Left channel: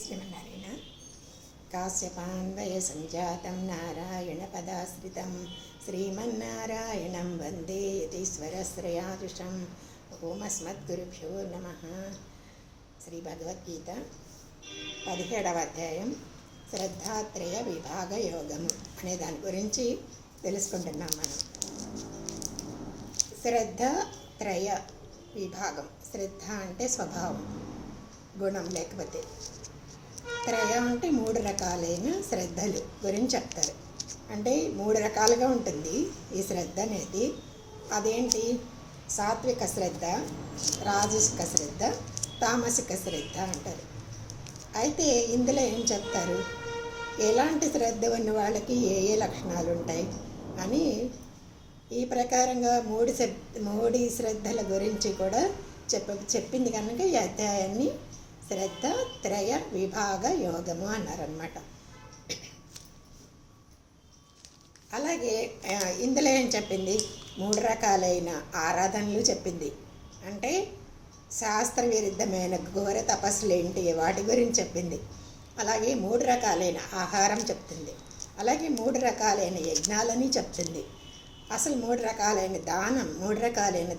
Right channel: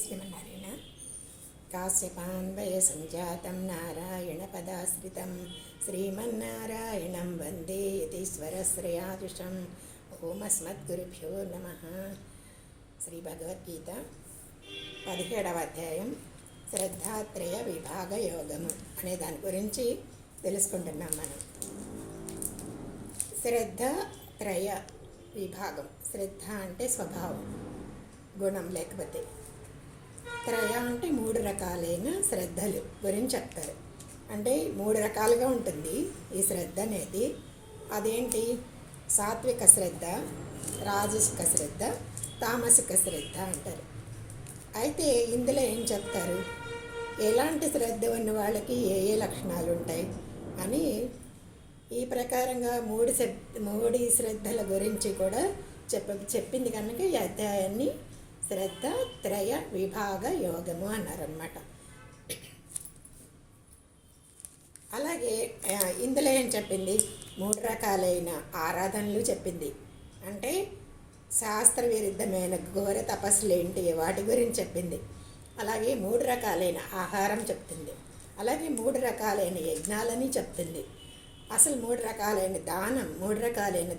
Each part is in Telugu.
శ్రీమన్నారాయణ. కాశ్యపాన్వయ సంజాతం నారాయణపదాశ్రితం శ్రీమన్నారాయణం వందే యతీశ్వరశ్రయాజుషం. ఓమస్మద్గురుభ్యో నమః. శ్రీ భగవద్గీత 17వ అధ్యాయం శ్రద్ధాత్రయ విభాగ యోగము అనే దాని గురించి తెలుసుకుంటున్నాం మనం. శ్రద్ధాత్రయ విభాగం. శ్రద్ధ అంటే స్వభావం, గుణం, లేకపోతే త్రయ అంటే 3 రకాలైన శ్రద్ధలు గురించి చెప్తారు. అంటే 3 రకాలుగా ఉంటుంది ఈ శ్రద్ధ అనేది. అదేంటి? సాత్విక శ్రద్ధ, రాజసిక శ్రద్ధ, తామసిక శ్రద్ధ అంటారు. అయితే ఇందులో ఏం చెప్తారు, ఎలాంటి శ్రద్ధ ఉన్న వాళ్ళకి ఏ ఏ లక్షణాలు ఉంటాయి అని ఈ ప్రకారంగా 3 శ్రద్ధల గురించి కూడా చెప్పింది కనుక ఈ అధ్యాయాన్ని శ్రద్ధ త్రయ విభాగ యోగము అన్నారన్నమాట. అలాగే ఇందులో ఏం చెప్పింది, 3 రకాలైన ఆరాధనలు చెప్పింది. అంటే శాస్త్ర విరుద్ధమైన ఘోర తపస్సులు ఏంటి వాటి గురించి చెప్పింది. అలాగే 3 రకాలైన ఆహారం చెప్తుంది. అలాగే 3 రకాలైన యజ్ఞాలని చెప్తుంది. అసలు 3 రకాలైన దానం, 3 రకాలైన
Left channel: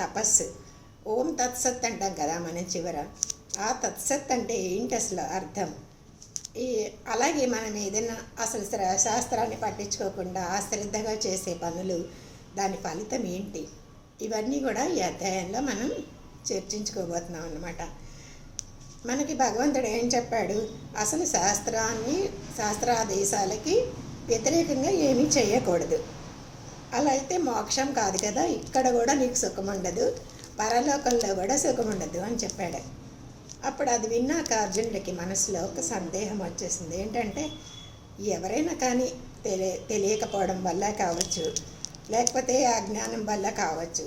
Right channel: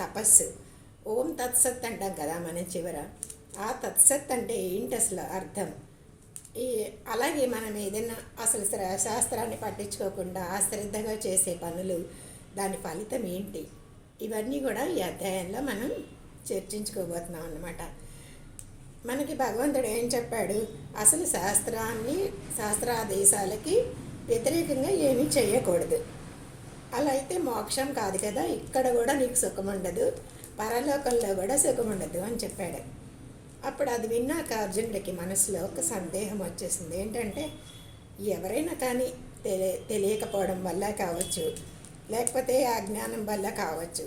తపస్సు. ఓం తత్సత్ అంటాం కదా మనం చివర. ఆ తత్సత్ అంటే ఏంటి అసలు అర్థం? అలాగే మనం ఏదైనా అసలు శాస్త్రాన్ని పట్టించుకోకుండా అశ్రద్ధగా చేసే పనులు, దాని ఫలితం ఏంటి, ఇవన్నీ కూడా ఈ అధ్యాయంలో మనం చర్చించుకోబోతున్నాం అన్నమాట. మనకి భగవంతుడు ఏం చెప్పాడు, అసలు శాస్త్రాదేశాలకి వ్యతిరేకంగా ఏమీ చేయకూడదు. అలా అయితే మోక్షం కాదు కదా, ఇక్కడ కూడా నీకు సుఖం ఉండదు, పరలోకంలో కూడా సుఖం ఉండదు అని చెప్పాడు. అప్పుడు అది విన్నాక అర్జునుడికి మనసులో ఒక సందేహం వచ్చేసింది. ఏంటంటే ఎవరైనా కానీ తెలియకపోవడం వల్ల కావచ్చు, లేకపోతే అజ్ఞానం వల్ల కావచ్చు,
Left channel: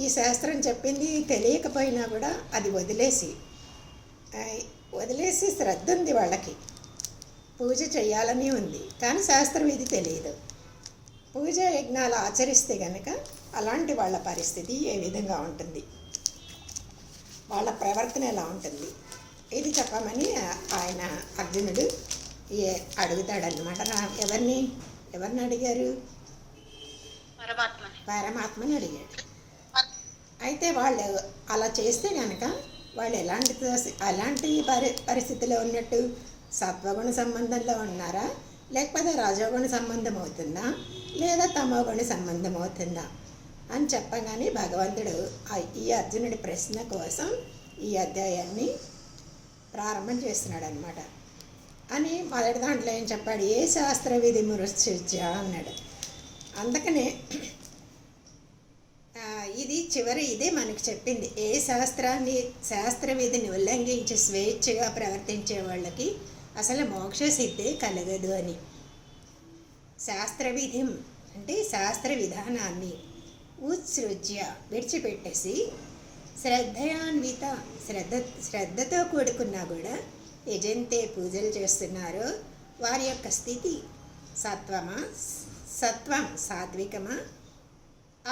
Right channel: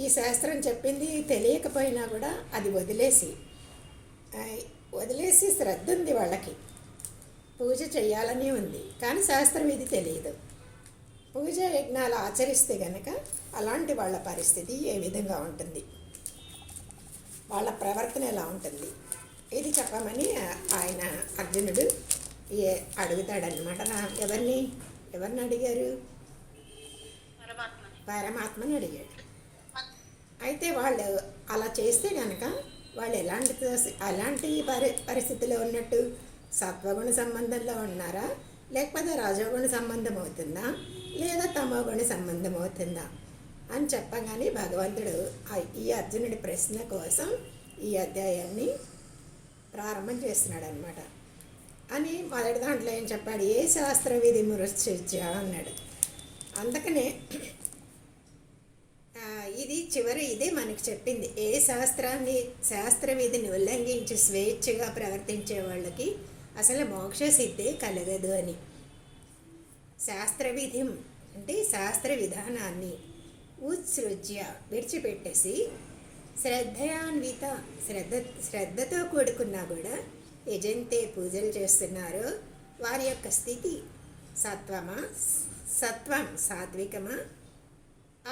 ఈ శాస్త్రం చెప్పింది తెలియకపోయినా కూడా అది వదిలేసి శ్రద్ధ ఉంది వాళ్ళకి, పూజ చేయాలని ఉంది, కానీ శాస్త్రం ఇది తెలియదు. పూజా యజ్ఞాలు ఆచరిస్తే కనుక అలాంటి వాళ్ళ పరిస్థితి ఏ విధంగా ఉంటుంది, వాళ్ళ ప్రవర్తన ఎలా ఉంటుంది, ఇది చెప్పమని ఆయన అర్జునుడు అడుగుతాడనమాట. ఎవరిని అడిగారు? పరమాత్మని అడిగాడు. అయితే వాళ్ళు అలా చేస్తే కనుక వాళ్ళు ఎలాంటి పరిస్థితిలో ఉన్నట్టు, సత్వగుణ సంబంధంలో ఉన్నారా, లేకపోతే రజోగుణ సంబంధం అవుతుందా, లేదా తమోగుణ సంబంధం అవుతుందా అని చెప్పగానే భగవంతుడు ఈ అర్జునుడి ప్రశ్న కోసం ఈ అధ్యాయాన్ని ప్రారంభం చేస్తున్నాడు అనమాట. అని మొదటి దాంట్లో ఏం చెప్పాడు, ఏ శాస్త్ర విధి మురుత్స్య అన్నాడు. అందుకనే ఇదే మనకి చెప్పింది, ఏ శాస్త్ర విధిని ఉల్లంఘించి స్వేచ్ఛగా ప్రవర్తించే వాళ్ళకి అసలు మోక్ష సిద్ధే కలగదు అని. శాస్త్ర విధి అంటే శాస్త్ర విధానాన్ని ఉత్సృజ్య విడిచిపెట్టేసి శ్రద్ధయాన్విత శ్రద్ధతో కూడుకున్నా కూడా యజంతే పూజలు చేస్తున్నారో వారి యొక్క స్థితి సత్వం సాత్వికమా,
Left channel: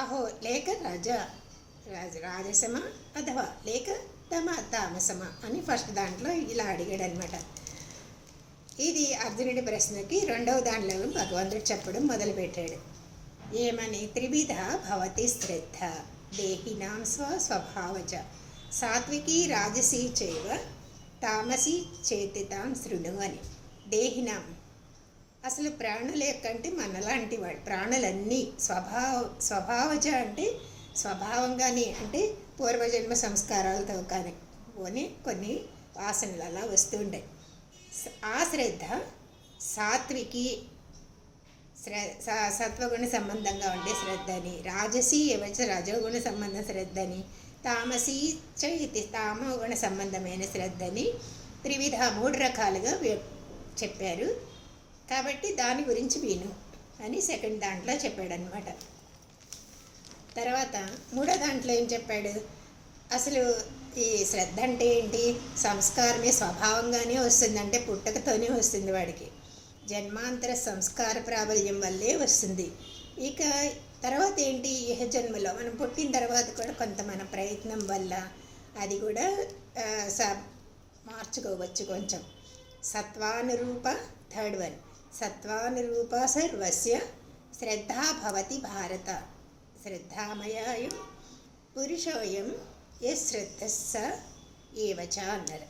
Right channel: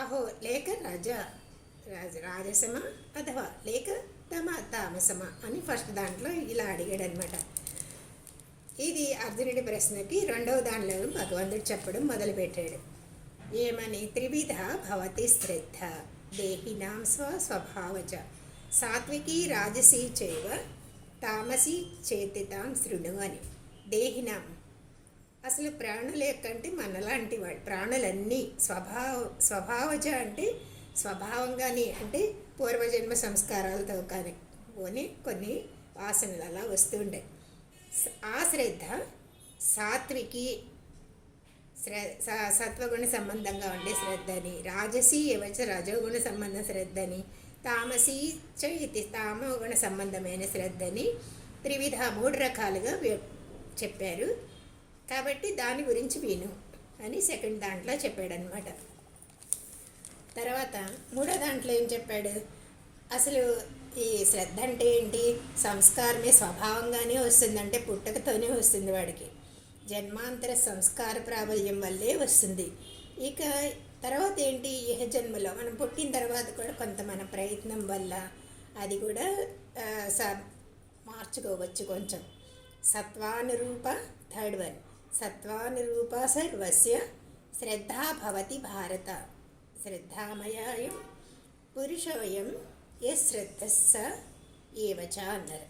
అహో లేక రాజసమా, అథవా లేక తామసమా అని ఫస్ట్ దాంట్లో ఇలా అడిగాడు అనమాట. ఇది అర్జునుడి ప్రశ్నకి 2వ దానిలో భగవంతుడు చెప్పడం మొదలుపెట్టాడు. ఏమని? త్రివిధ భవతి శ్రద్ధ దేహినాం స్వభావజ సాత్వికీ రాజసీ చైవ తామసీ చేతితాం శృణు అని. దేహినాం అసలు ప్రాణుల యొక్కంటే మనలాంటి వాడు, ప్రాణులన్నీ స్వభావజ అంటే స్వభావంగానే, అంటే పూర్వజన్మ సంస్కారాలతో కానీ కొన్ని వాసనలు అలా వస్తుంటాయి. ఆ శ్రద్ధ సాత్వికి సత్వగుణ సంబంధంగా ఉండే శ్రద్ధని, రాజసీ ఏవచ్చ రజోగుణ సంబంధ శ్రద్ధని, తామసీ చైతి తామోగుణ సంబంధమైన శ్రద్ధని, త్రివిధ 3 రకాలుగా చెప్పారు. కాబట్టి దాని గురించి విను అని సెకండ్ దాంట్లో చెప్పాడనమాట. తర్వాత 3వ దాంట్లో ఏం చెప్పాడు, అసలు ఈ శ్రద్ధ అంటే ఏంటి? సంస్కారమే స్వభావంగానే వస్తుందంటే పుట్టకతోనే వస్తుంది వాడికి, జన్మాంతర సంస్కార ప్రాబల్యం వల్లే వస్తుంది. ఇక తర్వాత ఏంటి, ఇహ జన్మలో మనం పుట్టిన తర్వాత కూడా కొంత మన ప్రయత్నం వల్ల అది కూడా మార్చుకోవచ్చు కొంచెం. సత్వానురూప, థర్డ్ వన్, సత్వానురూప సర్వస్య శ్రద్ధా భవతి భారత, శ్రద్ధామయాయం పురుషోయం ఏ శ్రద్ధస్స ఏవచ అన్నారు.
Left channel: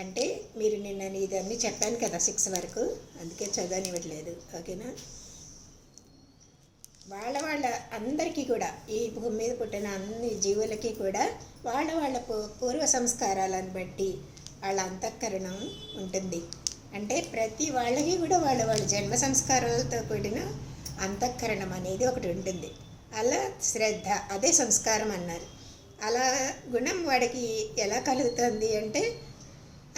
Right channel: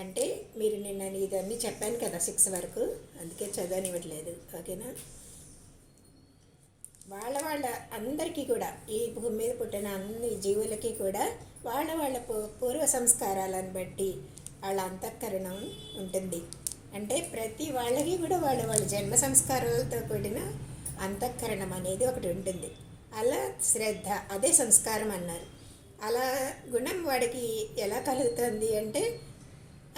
అంటే మీరు నిన్న ఇదన్నీ చెప్పాను కదా 6 వరకు, అందుకే చదవనివ్వట్లేదు. ఓకేనా? వాళ్ళ అందరికీ కూడా, ఈ భూమి మీద పుట్టిన అన్ని జీవులకి కూడా వాళ్ళ పూర్వ సంస్కారాలను బట్టి వాళ్ళ అంతఃకరణం ఉంటుంది. అంటే ప్రతి వాళ్ళకి కూడా వాళ్ళ జన్మ సంస్కారాలతో కూడిన అంతఃకరణం అనేది ఒకటి ఉంటుంది. అలా శ్రద్ధ, అదే సంస్కారం అన్నారు. అలా గుణం వాడికి ఎలా కలుగుతుంది అంటే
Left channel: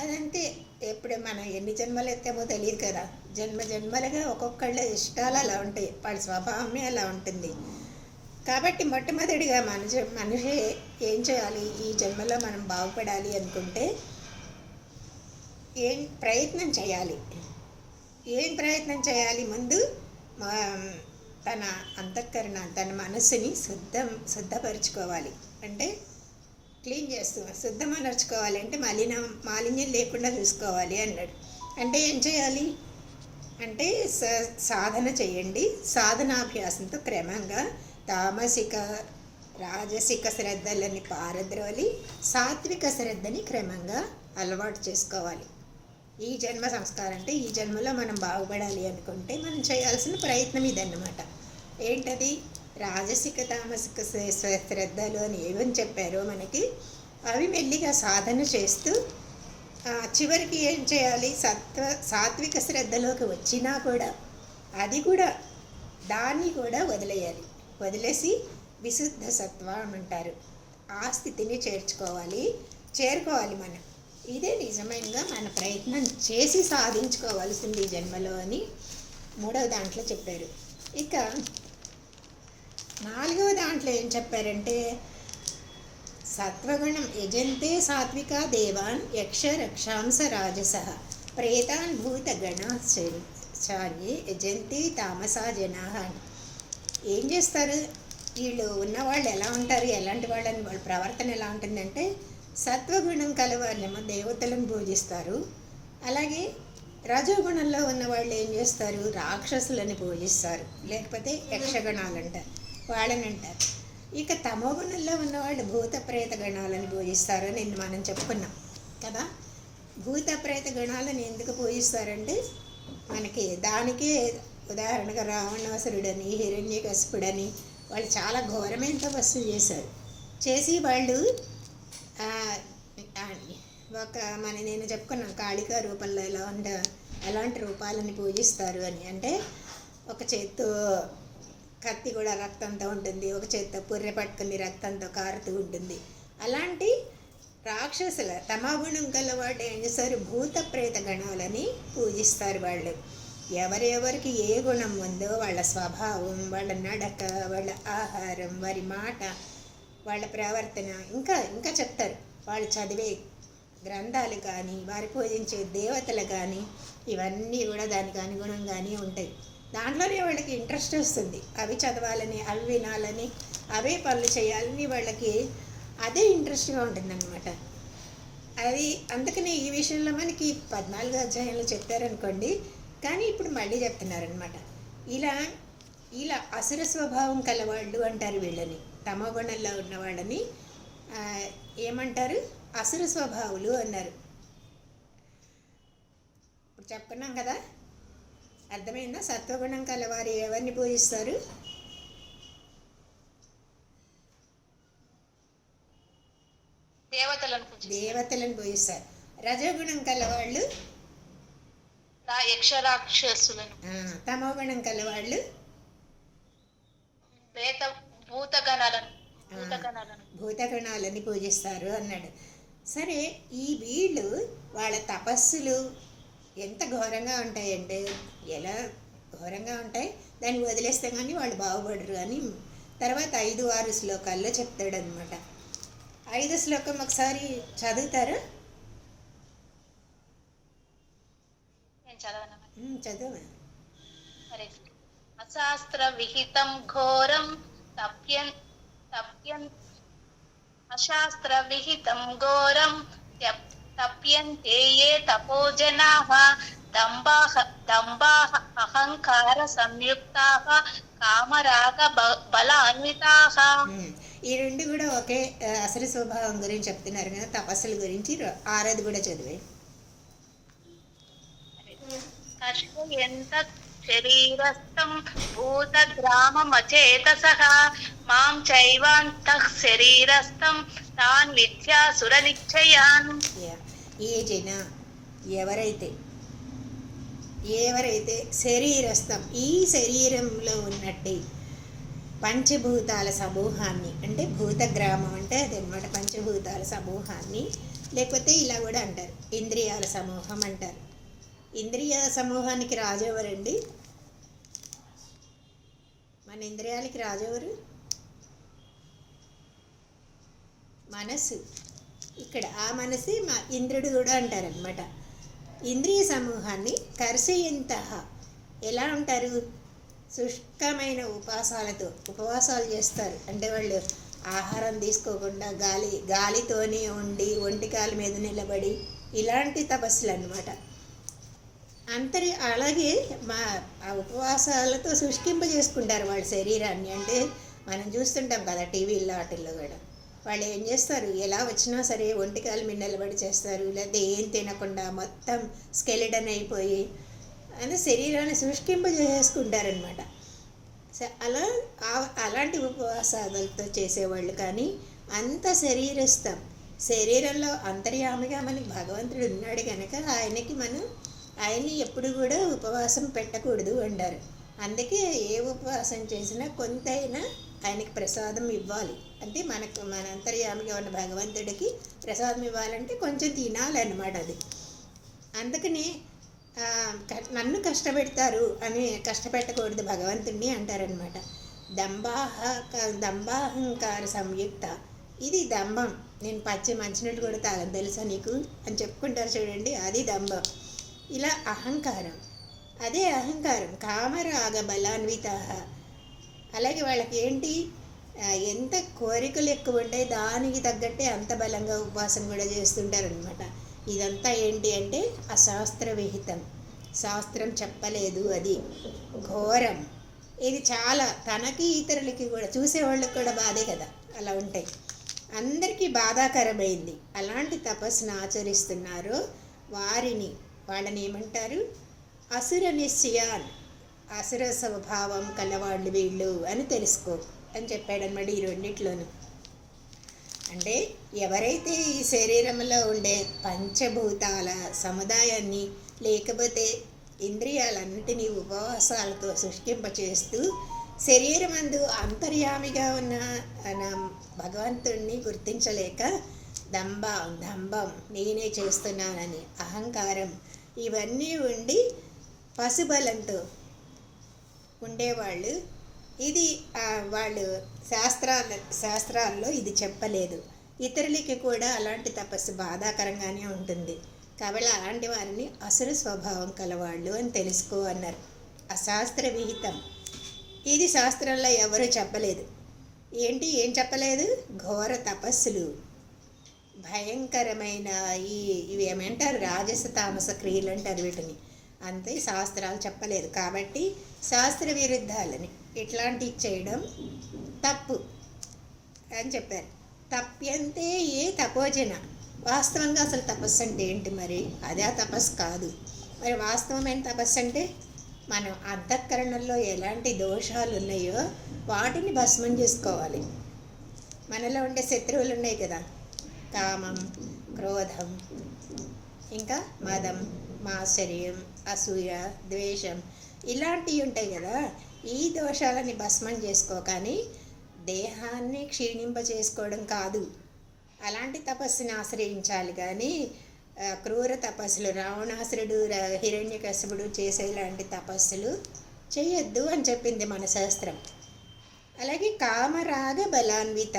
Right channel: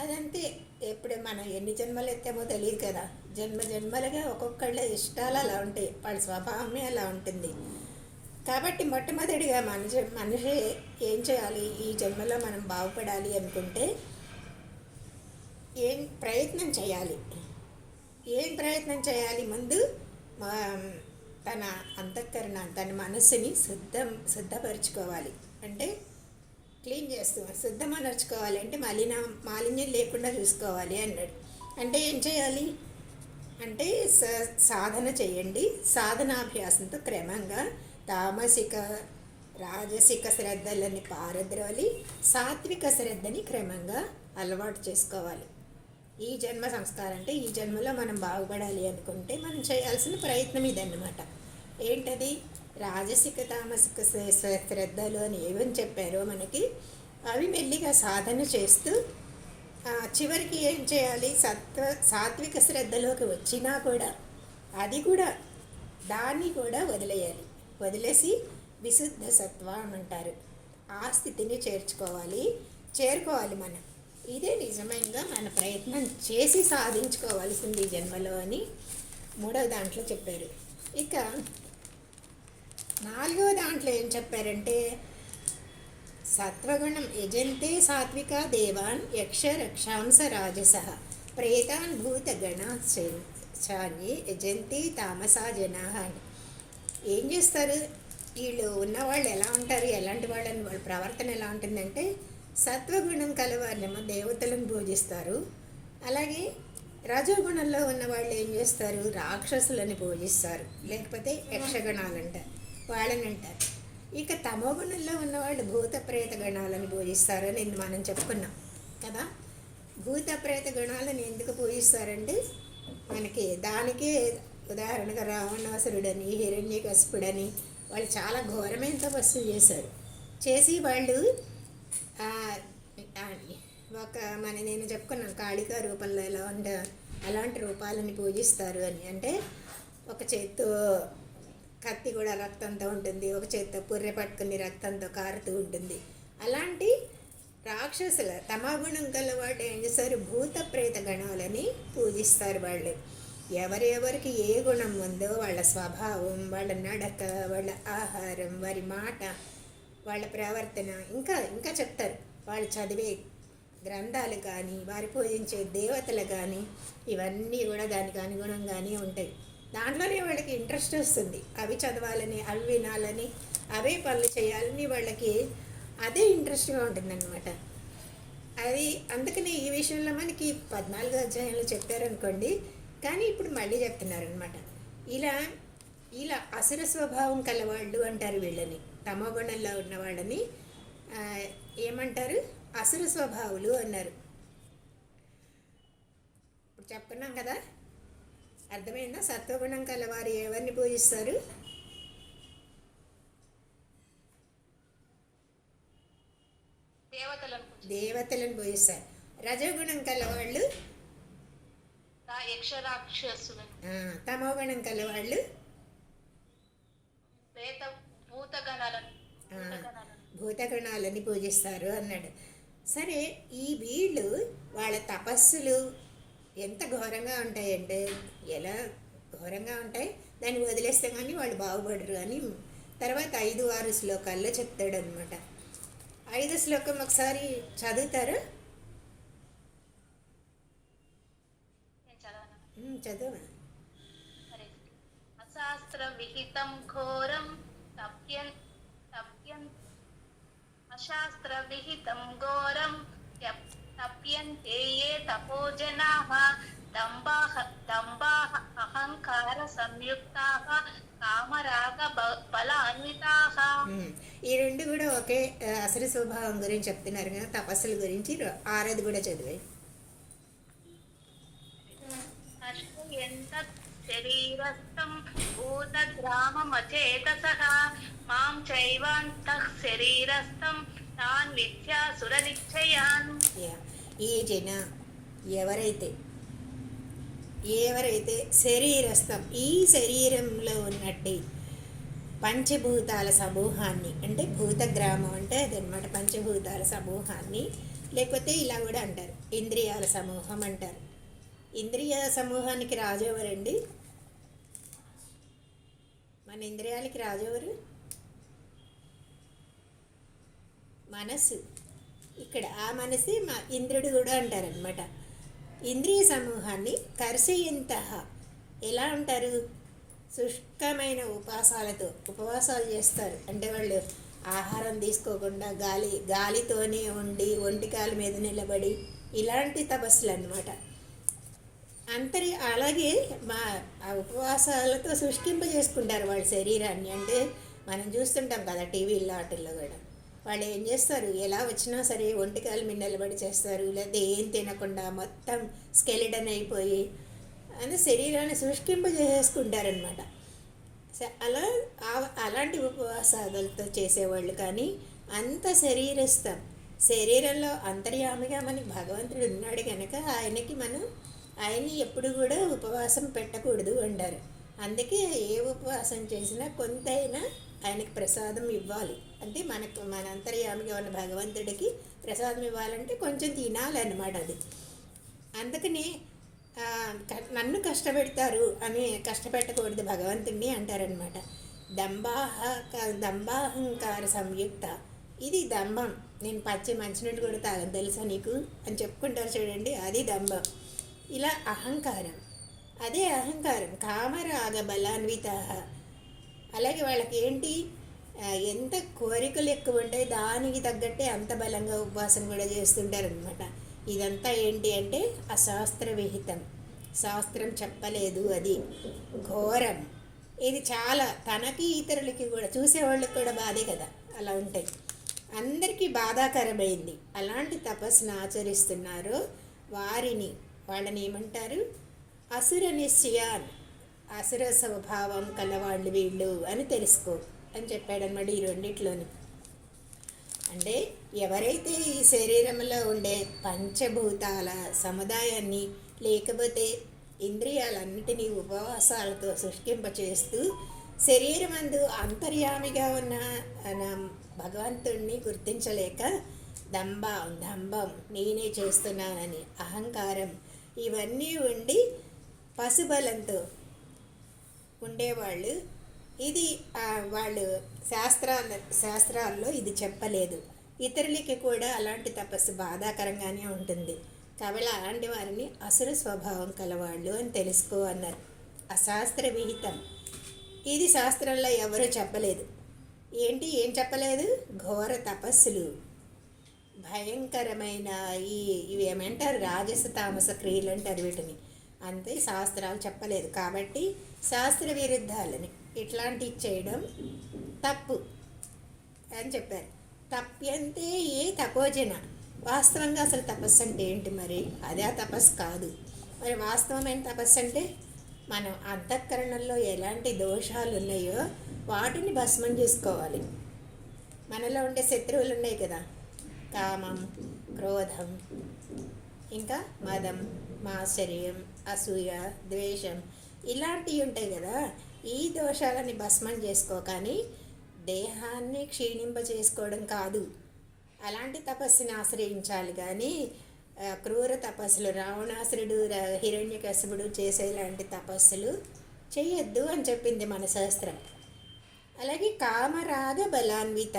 అదంతే. ఎప్పుడు మనం ఎన్ని జన్మలు ఎత్తామో తెలియదు కదా. జన్మలుగా ఒక్కొక్కళ్ళ ఇష్టాలు అలా ఉంటాయి, వాళ్ళ స్వభావమే అలా ఉంటుంది. కాబట్టి మొట్టమొదటిగా మనిషి ఏం చేయాలి? ఈ జన్మలో మనం బాగుపడాలి అనుకుంటే ఏం ప్రయత్నం చేయాలి? ముందు తన అంతఃకరణ, తన మనస్సుని శుద్ధపరుచుకోవాలి. అంటే క్లీన్ శుద్ధమనర్చుకోవాలి. అంటే మాలిన్యం లేకుండా చూసుకోవాలి అన్నాడు. అంటే ఏం చేయాలి అంటే సాధన చేయండి. సాధనాభ్యాసంతో క్రమంగా తామసిక రాజసిక శ్రద్ధలని పారద్రోలి సాత్విక శ్రద్ధని క్రమంగా అలవాటు చేసుకోవాలి. ఈ జన్మ సంస్కారం అంటే ఈ జన్మలో మనం బాగుపడాలి అనుకుంటే మనం చేయాల్సిన ప్రయత్నం ఇదన్నమాట. ఏంటది? రాజసిక తామసిక శ్రద్ధలు అని ఏమని చెప్పారో మనకి, అవి మెల్లిగా సాధన చేస్తూ చివరికి ఏం చేయాలి? సాత్విక శ్రద్ధలోకి వచ్చినా కూడా దాన్ని కూడా వదిలేసి విశుద్ధ సత్వం అంటారు, ఆ స్థితిని చేరుకోవాలి మనం. ఇదే నిజమైనగా మన ప్రయత్నం చేసి సాధించుకోవాల్సింది ఈ జన్మలో అని 3వ దాంట్లో చెప్పారు. ఇక 4వ దాంట్లో ఏం చెప్పారంటే సత్వగుణం యజంతే సాత్విక దేవాన్ యక్ష రక్షాంస రాజస ప్రేతాన్ భూతగణ చాన్ని యజంతి తామసా జనా అని. ఏం చేస్తారు వీళ్ళు? ఉన్నవాళ్ళు ఎలా ఉంటారు, ఎలాంటి వాళ్ళని, వాళ్ళ ప్రవర్తన ఎలా ఉంటుందంటే సత్వగుణం కలవాళ్ళేమో దేవతలను పూజిస్తారు. అలాగే రజోగుణంలో ఉన్నవాళ్ళు ఏం చేస్తారు? రాక్షసులని పూజిస్తారు, లేకపోతే యక్షగణాలు అంటారు, వాళ్ళని అంటారు. ఇక తమోగుణంలో ఉన్నవాళ్ళు భూత ప్రేత గణాలను పూజిస్తారు అని మనం చెప్పుకున్నాం కదా. భూత ప్రేత గణాలను ఎందుకు పూజిస్తారంటే మనకి దానికే ఉదాహరణగా రావణాసురుడని, హిరణ్యకశిపుడని వాళ్ళు చాలా ఘోరమైన తపస్సు చేసి వాళ్ళు నేను చెప్పుకున్నాను కాళికా రూపంలో ఎలాంటి రూపాలని పూజిస్తారు అని. అంటే ఒక చేత్తో కత్తి కూడా రక్తంతో ఉంటుంది, ఒక చేత్తో పుర్రె పట్టుకుని రక్తంతో కారుతూ ఉంటుంది. అలాంటి రాక్షసుల తమోగుణం గలవాడు ఏం చేస్తారు? భూత ప్రేత గణాలని పూజిస్తారు. వాళ్ళు ఎవరెవరికి ఏ గుణం ఉందో వాళ్ళ స్వభావం, వాళ్ళ నడక, వాళ్ళ ఆహారం, వారి మాట, వాళ్ళ ప్రవర్తన, ఇంకా చెప్తారు. వాళ్ళు చదివే గ్రంథాలు కానీ, వారి పూజించే దేవతలు కానీ, ఇవన్నీ కూడా దానికి అనుగుణంగానే ఉంటాయి. దాంట్లోనే వాళ్ళకి ఇంట్రెస్ట్ వస్తుంది. అవి చదవాలని, అవి వినాలని, అవే పనులు చేయాలని వాళ్ళకి అదే ఇంట్రెస్ట్గా ఉంటుందన్నమాట. అది అందుకని ఈ విషయంలో మనకి 14వ అధ్యాయంలో చెప్పారనుకోండి, కానీ ఇప్పుడు మళ్ళీ చెప్తున్నారనమాట. ఇలా అసుర స్వభావం కలవాళ్ళు అంటారు వీళ్ళని. తమోగుణంలో ఉన్న వాళ్ళని ఏమంటారు? అసుర స్వభావులు అన్నారు. ఇప్పుడు చెప్పుకున్నాం కదా, అర్థమైందా? సత్వగుణం కలవారు ఎవరిని పూజిస్తారు? దేవతలను పూజిస్తారు. రజోగుణం కలవాళ్ళు యక్షరాక్షసులను, తమోగుణం కలవాళ్ళు భూతగణాలని పూజిస్తారు అన్నాడు. సరే, ఈ వీళ్ళు వాళ్ళ తపస్సులు ఎంత ఘోరంగా ఉంటాయంటే, ఎలా ఘోరంగా ఉంటాయి, దాన్ని వదిలేస్తే కానీ వాళ్ళు బాగుపడరు అని తర్వాత 5-6 శ్లోకాల్లో చెప్తాడనమాట. 5వ శ్లోకం ఒకసారి చదువుతారా? చదువు. అశాస్త్ర విహితం ఘోరం అశాస్త్ర విహితం ఘోరం తప్యంతే ఏ తపోజనాః దంభాః దంభాః అహంకార సంయుక్తాః కామరాగ బలాన్వితాః. ఈ రెండు కూడా ఒకే అసలు స్వభావం గురించి చెప్తున్నారు కదా, తపస్సుల గురించి. ఆరది కూడా చదివే. కర్షయంత శరీరస్థం భూతగ్రామమచేతసః మాం చైవాంతః శరీరస్థం తాన్ విద్యాసుర నిశ్చయాన్. ఏ జన ఎవరైతే శరీరస్థం, ఈ శరీరంలో ఉన్నట్టు పంచభూతాల సమూహాన్ని, అంటే భూతగ్రామం అంటే అదనమాట, పంచభూతాల సమూహాన్ని, లేకపోతే ఇలా కూడా అంటారు ఇంద్రియాల సమూహం అంటారు. ఇంద్రియ సమూహానికి రాజెవరండి? మన ఇంద్రియాలకి రాజెవరు? మనస్సు. ఇక్కడ ఆ మనసే ఇంద్రుడు కూడా అంటారనమాట. ఇంద్రియ సమూహాన్ని కర్షయంతః ఎలా ఉంటారు? శుష్కమైన ఉపవాసాలు చేస్తారు. అంటే వాళ్ళు ఆహారం తీసుకోకుండా గాలితోనే ఉండి ఒంటికాల మీద నిలబడి ఇలాంటి తపస్సులు అన్నమాట. అలాగే ఆ ఉపవాసాలతో శుష్కింపజేసుకుంటారు వాళ్ళ శరీరాన్ని. అంటే మనం చూస్తుంటాం కదా టీవీల్లో వాటిల్లో కూడా. వాళ్ళు ఏం చేస్తారు, ఎలా వచ్చినా సరే ఒంటికాల మీద నిలబడి చేస్తారు, లేదా ఏం తినకుండా మొత్తం స్కెలిటన్ అయిపోయి అని శరీరాన్ని శుష్కింపజేసుకుంటారనమాట. అలాంటి ఉపవాసాలతో చేసేవాళ్ళు. కానీ అంత శరీరస్థం, శరీరంలో అంతర్యామిగా మనకి భగవంతుడు ఉన్నాడు కనుక ఆయన్ని ఎప్పుడు కూడా ఉపవాసం పెట్టకూడదు అంటారు. అందుకే ఏ ఉపవాసం చేసినా కొంతైనా ఆయనకి ప్రసాదం ఇవ్వాలి. అంటే మన అంతర్యామిగా ఉన్న భగవంతుడికి ప్రసాదం ఇవ్వాలంటే కొంచెం తినాలన్నమాట. అది అందుకని నన్ను కష్టపెడతారు అని కష్టపెట్టకూడదు భగవంతుడిని అంటారనమాట. దంభాహంకార సంయుక్త, ఇది దంభం. నేను పచ్చి మంచినీళ్ళు కూడా తాగను తెలుసా నీకు అని చెప్పుకుంటారు చూడండి, అది దంభం. ఇలా అహంకారం, అదే అహంకారం. కామరాగ బలాన్విత, అలాగే వాళ్ళకి ఏంటి, ఎంత కోరికలు ఎక్కువ ఉంటాయి దానికి తగ్గట్టే అంత బలంగా ఉపవాసం కూడా చేస్తుంటారనమాట. ఇదంతా ఏంటి అంటే అశాస్త్ర విహితం, శాస్త్రం చెప్పలేదు, అది ఘోరం. ఇది చాలా తనకి ఇతరులకి కూడా, చూసేవాళ్ళకి కూడా బాధే కదా అలా ఉంటాయి. అందరికీ బాధాకరమైంది. అలాంటి తపస్సును ఆచరిస్తున్నారో వాళ్ళని ఏమంటారు? అసుర నిశ్చయాన్, అసుర స్వభావం కలవాళ్ళు వీళ్ళు అని తెలుసుకో అని చెప్పాడనమాట ఈ రెండిట్లోనూ. అంటే ఎవరైతే ఈ శరీరంలో ఉండే పంచభూతాల సముదాయాన్ని లేకపోతే ఇంద్రియాలన్నిటినీ ఉపవాసాలతో శుష్కింపచేస్తూ శరీరమందు అంతర్యామిగా ఉన్న భగవంతుణ్ణి గుర్తించలేక దంభం నేనే చేస్తున్నానని అహంకారం ఇవన్నీ ఉండి పశుబలంతో ఉండేవాళ్ళు. ఇది వాళ్ళు శాస్త్రాల్లో ఇది చెప్పలేదు. ఇతరులకి కూడా అలాంటి తపస్సు బాధాకరంగానే ఉంటుంది. కాబట్టి అలాంటి వారిని అసుర స్వభావం కలవాళ్ళు అని తెలుసుకో అన్నారు. అశాస్త్ర విహితం, ఇది శాస్త్రంలో ఎవరూ చెప్పలేదు. ఏం చెప్పలేదు? ఘోర తపస్సులు, భయంకరమైన ఇవి ఏమంటారు రాజస తామస క్రియలు అంటారు వీటిని. అంతే, శాస్త్రాలు చెప్పలేదు. కాబట్టి శాస్త్ర విరుద్ధాలని ఇట్లాంటివి చేయడం తప్పు అని చెప్పారు. తప్యంతే ఏ తపోజన, వాస్తవంగా అసలు తపస్సు అంటే ఏంటి? మరి అదే తపస్సు కాదు. మరి వాస్తవమైన తపస్సు అంటే మనం అంతఃకరణలో ఎలాంటి దోషాలు ఉన్నాయో వాటిని భస్మం చేసుకోవాలి. మనలో ఉండే శత్రువులు ఉన్నాయి కదా, కామం, క్రోధం, ఇంకా మదం, మాత్సర్యం, అసూయ, ద్వేషం, ఇలాంటివి ఉంటాయి కదా. ఈ దోషాలని భస్మం చేసుకో, కానీ దేహాన్ని క్షీణింపజేసుకోవడం కాదు. అలాంటి తపస్సుని ఆశ్రయించాలి. కానీ క్రూర తపస్సులు, రావణాసురుడు, హిరణ్యకశిపుడు చేసే ఇలాంటి తపస్సులు చేయొద్దు అని చెప్పింది మన శాస్త్రం. అలాగే కామరాగ బలాన్విత,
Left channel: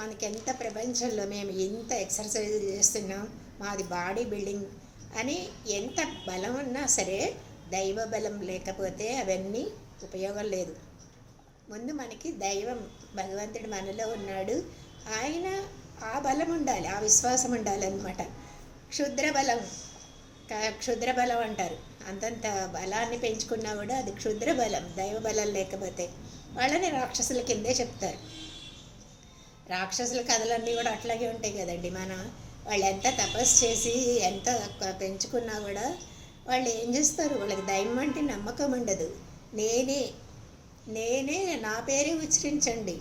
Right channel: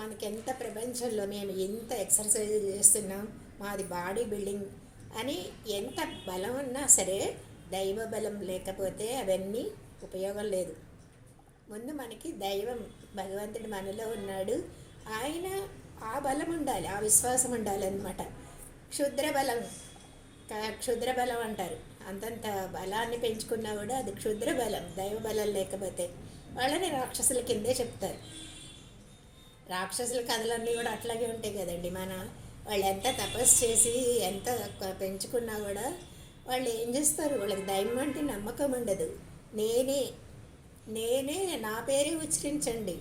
మనకెంత ప్రపంచంలో మేము ఎంత ఎక్సర్సైజ్ చేస్తున్నాం, మాది బాడీ బిల్డింగ్ అని ఎంత బలం ఉన్నా సరే దైవ బలం లేకపోతే అవన్నీ ఉపయోగం లేదు. ముందు మనకి దైవం, భగవంతుడు మనలో ఉన్నాడు, ఆయన ఆ బలం ఉండాలి, ఆ విశ్వాసం ఉండాలన్నమాట. క్షుద్ర బలం, క్షుద్ర బలం అంటారు. అంతంత బలాన్ని పెంచుకున్నా కూడా అది క్షుద్ర బలం, దైవ బలం లేకపోతే వాళ్ళని రాక్షసుల కిందే చెప్తారు. రాక్షసుల కథలన్నీ కూడా అట్లాగే ఉంటాయి కదండి. వాళ్ళు ఎంత తపస్సు చేసి ఎంత పెంచుకున్నా కూడా వాళ్ళు ఏం చేస్తారు, వాళ్ళకి దైవం అంటే నమ్మకం ఉండదు. నేనే నేనే నా పేరే ఉచ్చరించండి,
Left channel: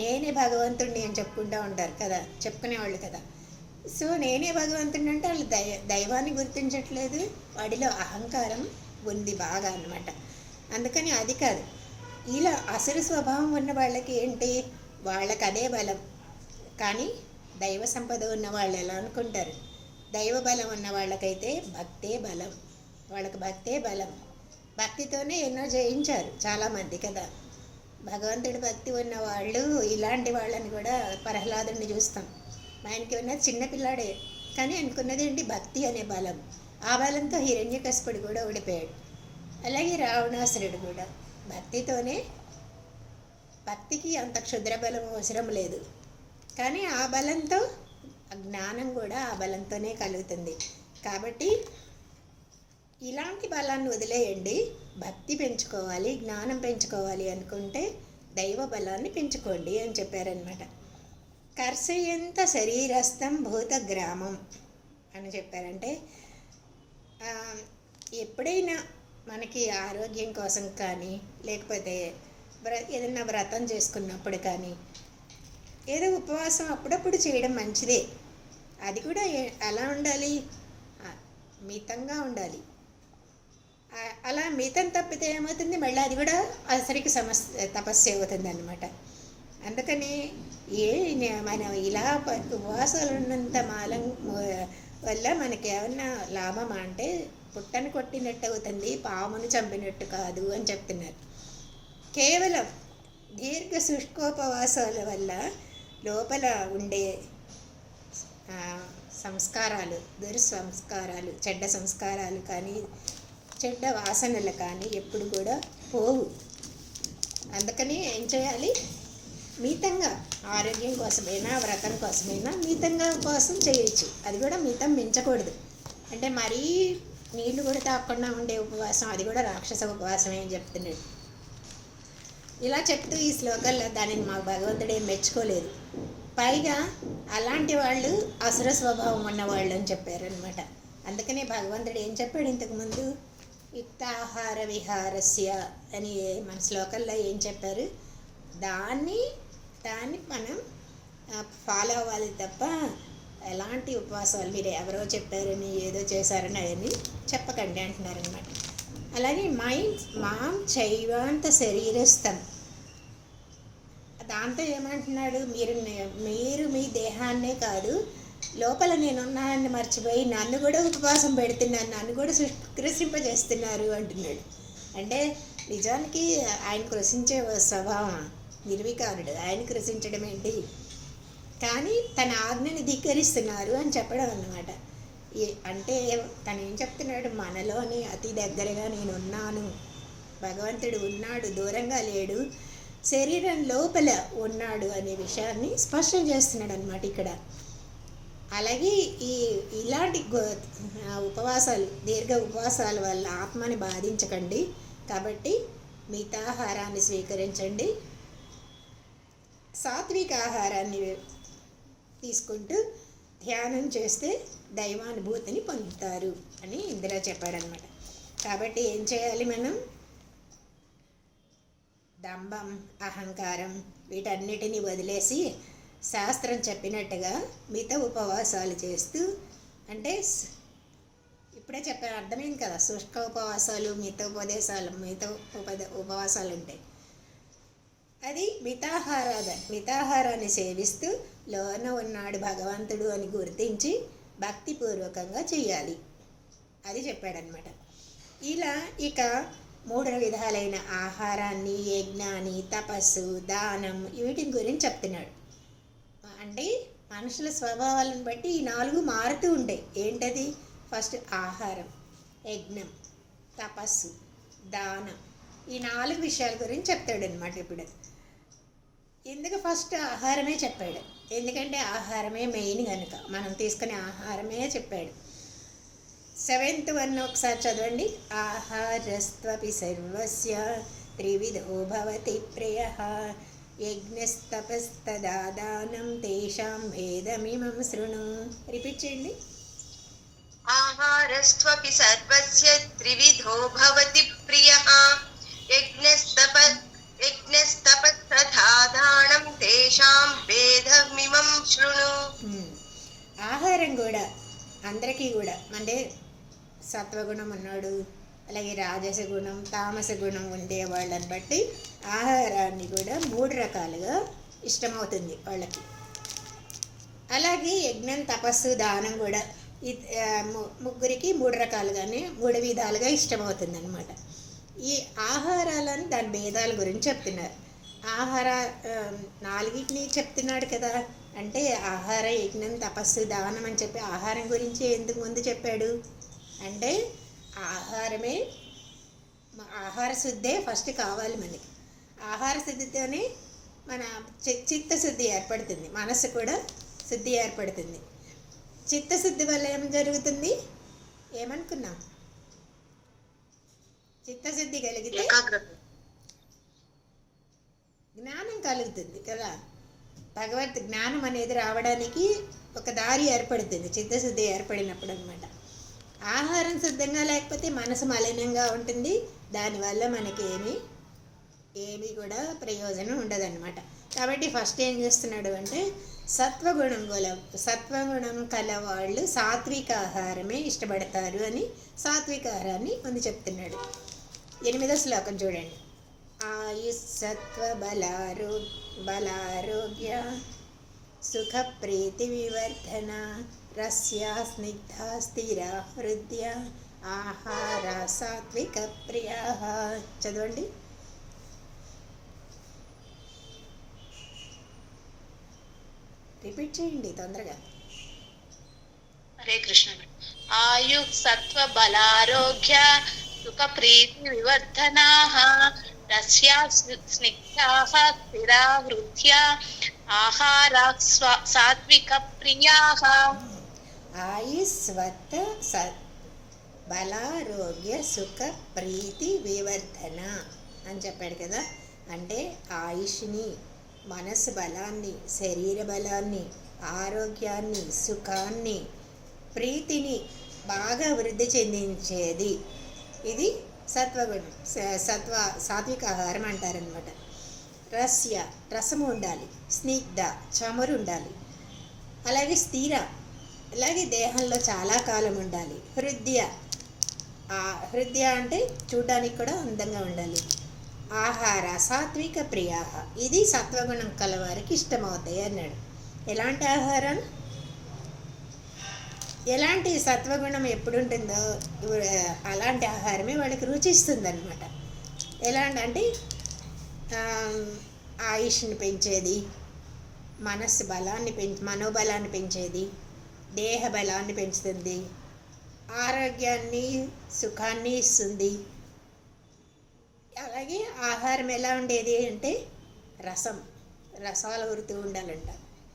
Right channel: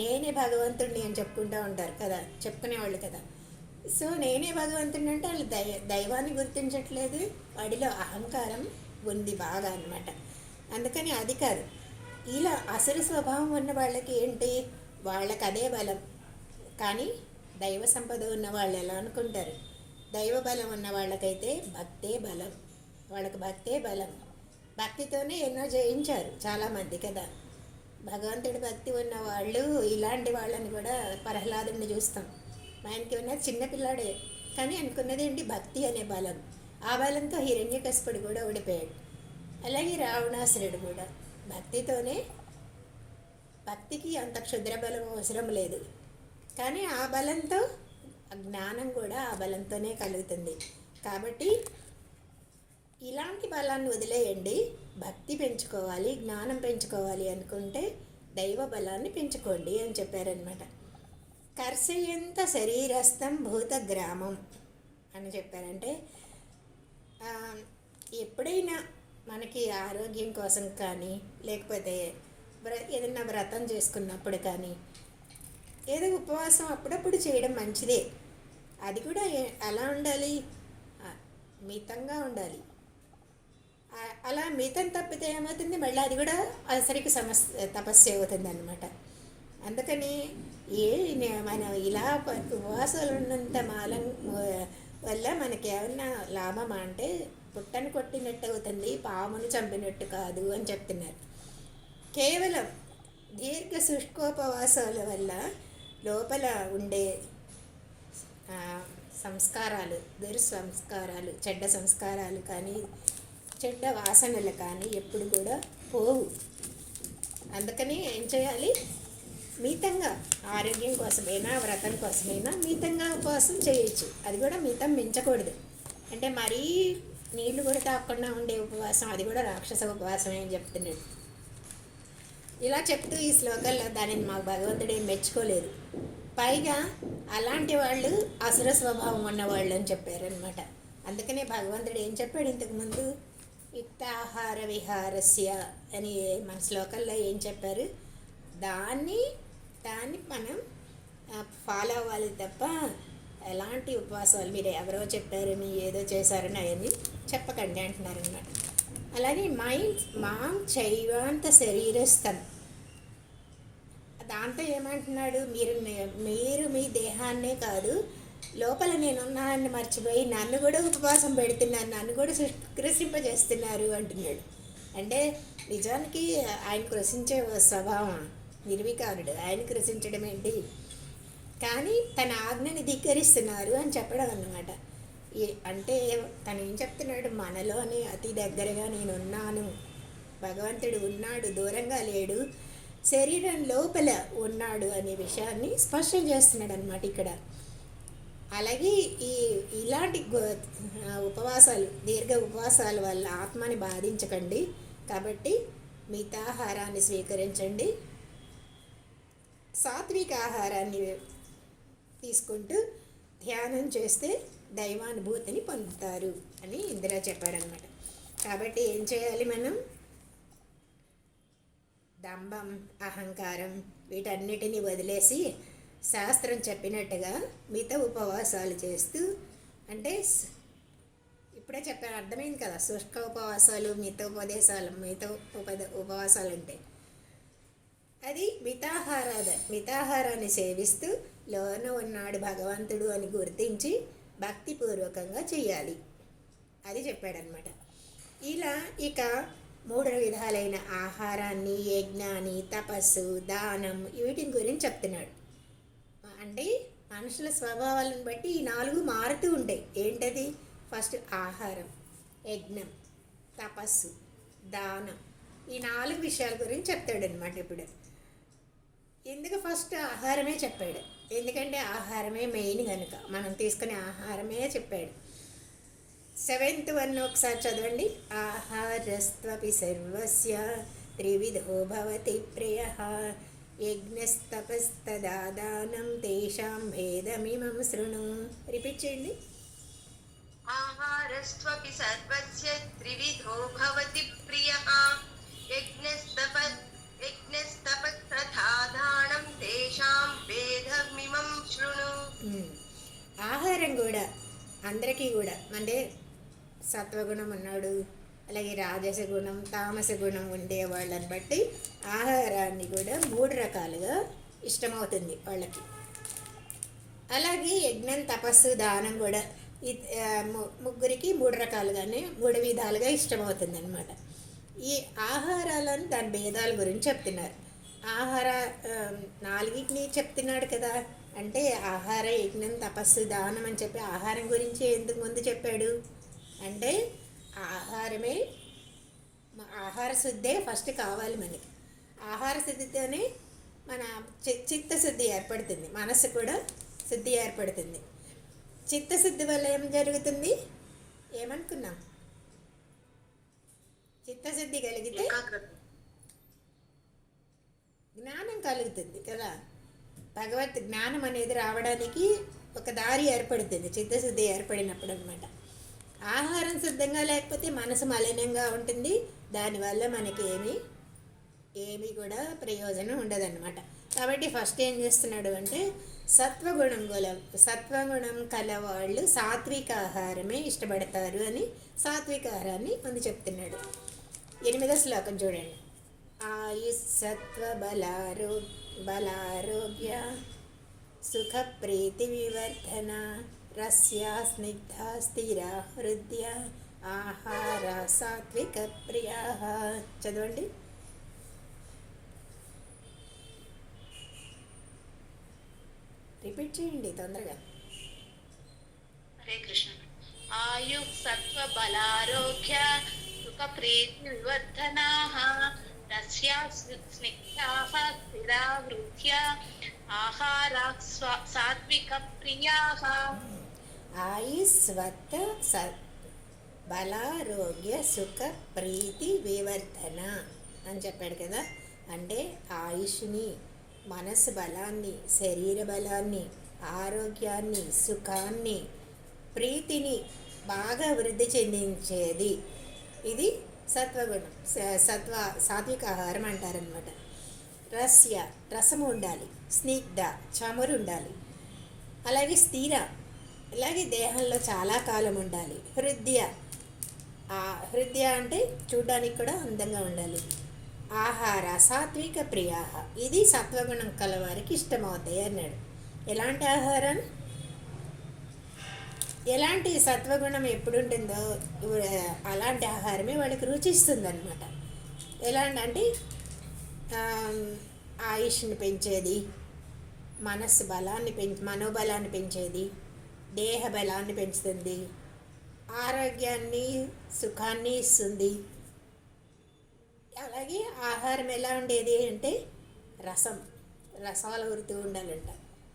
నేనే భగవంతుడిని అని చెప్పుకుంటూ ఉంటారు కదా, చెప్పుకునేవాళ్ళు కదా. సో నేనే భగవంతుడిని అంటే వాళ్ళు దైవాన్ని గుర్తించట్లేదు, వాడిలో అహంకారం ఉంది బాగా అన్నమాట. అందుకని అది కాదు. ఇలా అసలు స్వభావం ఉన్న వాళ్ళకి ఏంటి, వాళ్ళకి అదే బలం. కానీ దైవ సంపద ఉన్న వాళ్ళు ఎలా అనుకుంటారు, దైవ బలం ఉన్న వాళ్ళకైతే భక్తే బలం, వాళ్ళకి భక్తే బలం. భక్తితోనే ఎన్నో జయించారు చాలామంది కదా. భగవంతుడి భక్తి ఉన్న వాళ్ళు, ఇలాంటి వాళ్ళని కూడా ప్రహ్లాదుని చూస్తాం. ఆయనకి ఉన్నది చిన్నపిల్లాడే, కానీ అనుకున్నది ఏంటి, భక్తి అనే బలం. ఆ బలంతో హిరణ్యకశిపుడు కూడా ఓడిపోయాడు. అలాగే రావణాసురుడు కూడా భక్తితోనే, భక్తికి అంత క్షుద్ర బలం అవసరం లేదు, కానీ ఆ బలంతో జ్ఞానం కూడా ఆ బలంతోనే కలుగుతుంది. కాబట్టి ఇలాంటి బలాన్ని వదిలేయండి, భక్తి పెంచుకోవాలి, జ్ఞానం పెంచుకోవాలి అనుకుంటే దైవ బలాన్ని పెంచుకోండి అని చెప్పారనమాట. కర్షయంత శరీరస్థం భూత గ్రామం అని చెప్పారంటే, ఎప్పుడైనా మనకి ఆరోగ్యం కోసం కానీ, లేకపోతే ఏదైనా వ్రతం చేసుకున్నప్పుడు కానీ, ఏదో ఉపవాసం అప్పుడప్పుడు చేయడం మంచిదే. అది కూడా ఎలా ఉండాలి, మితంగా ఉండాలి. అలా మితం తప్పితే ఏమవుతుంది, మళ్ళీ అది కూడా అసరికి తపస్సు అవుతుంది అన్నమాట. అందుకని మనం ఇలా ఉపవాసాలు ఉన్నంత మాలం వల్ల మనకి ఏమన్నా లాభమా అంటే, పుట్టను కొట్టినట్టు అవుతుంది, పామును చంపినట్టు కాదు అని చెప్తున్నారు. కేవలం దీర్ఘ శుష్కోపవాసాల వల్ల లోపల ఉండే సంస్కారాలు, దుర్సంస్కారాలు, చెడ్డ సంస్కారాలు కానీ, చెడ్డ వాసనలు కానీ ఎప్పుడు కూడా పోవు. అందుకని ఏం చేయాలి, మితంగా, ఆరోగ్యం కోసమైనా వ్రతం కోసమైనా మితంగా ఉపవాసం చేయొచ్చు. అది కూడా మితం మించకూడదు. అంటే మరీ నీళ్లు కూడా తాగకుండా ఉండే ఉపవాసం, అది కూడా రాక్షస ఉపవాసమే అని చెప్తున్నాడు. ఇలా చెప్తూ ఈ శ్లోకాల్లో దానిని మాకు భగవంతుడు ఏం మెచ్చుకోలేదు. పైగా అలాంటి వాళ్ళు అసుర స్వభావం ఉన్నవాళ్ళు అని చెప్పారనమాట. అందుకనే భగవంతుడు ఏం చెప్పాడు ఇంతకుముందు, యుక్తాహార విహారస్య అని మన శ్లోకంలో ఏం చెప్పారు, దాన్ని మనం ఫాలో అవ్వాలి తప్ప ఎలాంటి ఉపవాసాలు మీరు ఎవరో చెప్పారని ఏదో చేశారని అవన్నీ చెప్పకండి అంటున్నారనమాట. అలాగే మాం చైవాంత శరీరస్థం, దాంతో ఏమంటున్నాడు, మీరు మీ దేహాన్నే కాదు, లోపల నేనున్నానని మర్చిపోయి నన్ను కూడా ఉపవాసం పెడుతున్నాను, నన్ను కూడా కృషింపజేస్తున్నారు అంటున్నాడు. అంటే నిజానికి ఆయన కృషించే స్వభావం నిర్వికారుడు, ఆయన కృషించడం ఏంటి, కానీ తన ఆజ్ఞని ధిక్కరిస్తున్నారు అని చెప్పడం అన్నమాట. అంటే తను ఏం చెప్తున్నాడు, మనలోని అతి దగ్గరగా నేను ఉన్నాను, భగవంతుడు ఉన్నాడు, దూరంగా లేడు, శరీరం లోపల ఉన్నాడు అనే విషయాన్ని స్పష్టం చేస్తున్నాడు అనమాట ఇక్కడ. అలాగే ఇలాంటి ఉపవాసాలు, దీర్ఘ ఉపవాసాల వల్ల ఆత్మని బాధించకండి. కాబట్టి మితాహారాన్ని స్వీకరించండి, సాత్విక ఆహారాన్ని తీసుకుంటూ ధ్యానం చేస్తే దైవానుభూతిని పొందుతారు అని ఇందులో చెప్పారనమాట. కాబట్టి ఏం చేయాలి, మనం దంభం, అహంకారం వీటన్నిటిని వదిలేసి శాస్త్రం చెప్పినట్టుగా మిత ఉపవాసాలు చేస్తూ, అంటే ఇప్పుడే చెప్పాను, అర్థమైంది కదా, శుష్క ఉపవాసాలు, ఉపవాసాలు ఉంటాయి. అది మితాహారాన్ని సేవిస్తూ లోన ఉన్నాడు భగవంతుడు అని గుర్తించి భక్తిపూర్వకంగా చేయాలి, అది చెప్పాడనమాట. ఇలా ఇక 3 విధాలైన ఆహారాన్ని, యజ్ఞాన్ని, తపస్సు, దానం వీటి గురించి చెప్తున్నాడు. అంటే మనుషుల స్వభావాలను బట్టి ఈ 4 మారుతూ ఉంటాయి. ఏంటది, ఫస్ట్ ఆహారం, యజ్ఞం, తపస్సు, దానం, ఈ 4 విషయాల గురించి చెప్తాడు అనమాట. ఇప్పుడు ఎందుకు ఫస్ట్ ఆహారమే చెప్పాడు, ఎందుకంటే ఆహారమే మెయిన్ కనుక మనం తీసుకునే ఆహారమే చెప్పాడు. సెవెంత్ వన్ ఒకసారి చదవండి. ఆహారస్త్వపి సర్వస్య త్రివిధో భవతి ప్రియ యజ్ఞస్తపస్తదానం తేషాం భేదమిమం శృణు. రిపీట్ చేయండి. ఆహారస్త్వపి సర్వస్య త్రివిధో భవతి ప్రియః యజ్ఞస్తపస్తథాదానం తేషాం భేదమిమం శృణు. ఆహారం కూడా అందరికీ కూడా అంటే సత్వగుణం ఉన్నాడు, అలాగే రాజస గుణం తామస గుణం ఉండే వాళ్ళని బట్టి ఆహారాన్ని కూడా 3 రకాలుగా ఇష్టమవుతుంది వాళ్ళకి. అలాగే యజ్ఞం తపస్సు దానం కూడా ముగ్గురికి 3 రకాలుగానే 3 విధాలుగా ఇష్టమవుతుంది అనమాట. ఈ ఆహారాలను దాని భేదాల గురించి చెప్తున్నారు. ఆహార 4టిని చెప్తున్నాడు కదా. అంటే ఆహార యజ్ఞం తపస్సు దానం అని చెప్పి ఆహారం గురించి ఎందుకు ముందు చెప్పాడు అంటే ఆహార శుద్ధే ఫస్ట్ కావాలి మనకి. ఆహార శుద్ధితోనే మన చిత్తశుద్ధి ఏర్పడుతుంది, మనసు కూడా శుద్ధి ఏర్పడుతుంది. చిత్తశుద్ధి వల్ల ఏం జరుగుతుంది ఏమనుకున్నాం? చిత్తశుద్ధి కలిగితే జ్ఞానం కలుగుతుంది కదా. భగవత్ జ్ఞానం అనేది రావడానికి ఒక దారి ఏర్పడుతుంది చిత్తశుద్ధి ఏర్పడినప్పుడు అనమాట. ఆహారం శుద్ధంగా లేకపోతే మనసు మలినంగా ఉంటుంది. దానివల్ల మనకి ఏమీ కూడా ప్రయోజనం ఉండదన్నమాట. కాబట్టి ఫస్ట్ ఏం చేస్తున్నాడు అంటే సత్వగుణం కలవాళ్ళు సాత్విక ఆహారమే ఇష్టపడతారు అని సాత్విక ఆహారాన్ని ముందు చెప్తున్నాడు. 8వ శ్లోకం చూడండి. ఆయుస్సత్వ బలారోగ్య సుఖ ప్రీతి వివర్ధన రస్యా స్నిగ్ధ స్థిర హృదయ ఆహార సాత్విక ప్రియా. చదవండి. రిపీట్ చేయండి తొందరగా. హరే కృష్ణ. ఆయు సత్వ బలారోగ్య సుఖ ప్రీతి వివర్ధనాః రస్యా స్నిగ్ధాః స్థిరా హృద్యా ఆహారాః సాత్విక ప్రియాః. ఆయుస్వత్త బలారోగ్య సుఖ ప్రీతి వివర్ధన అని చెప్పాడు కదా. అంటే ఆయుష్ని, మనసు బలాన్ని, శరీర బలాన్ని, ఆరోగ్యాన్ని, సుఖాన్ని, ప్రీతిని బాగా వృద్ధి చెందించేది ఇది సత్వగుణం. సాత్విక ఆహారం అంటారనమాట. రసము ఉండాలి, స్నిగ్ధ చమురు ఉండాలి, అలాగే స్థిర, అలాగే దేహంలో చాలా కాలం ఉండాలి. హృదయ అంటే చూడడానికి కూడా అందంగా ఉండాలి. ఆహార సాత్విక ప్రియా ఇది సత్వగుణం కలవారికి ఇష్టమవుతాయి అన్నాడు. ఎలాంటి ఆహారం, ఎలాంటి సత్వగుణం ఎప్పుడు ఉంటుందో అలాంటి ఆహారమే వాళ్ళకి రుచిస్తుంది అనమాట. ఎలాంటి అంటే ఆయుష్ని పెంచేది, మనస్సు బలాన్ని మనోబలాన్ని పెంచేది, దేహ బలాన్ని పెంచుతుంది, ఆరోగ్యాన్ని సుఖాన్ని ఇస్తుంది. అలాగే ఆహారం ఎలా ఉండేది అంటే రసాలు ఊరుతూ ఉండాలంట.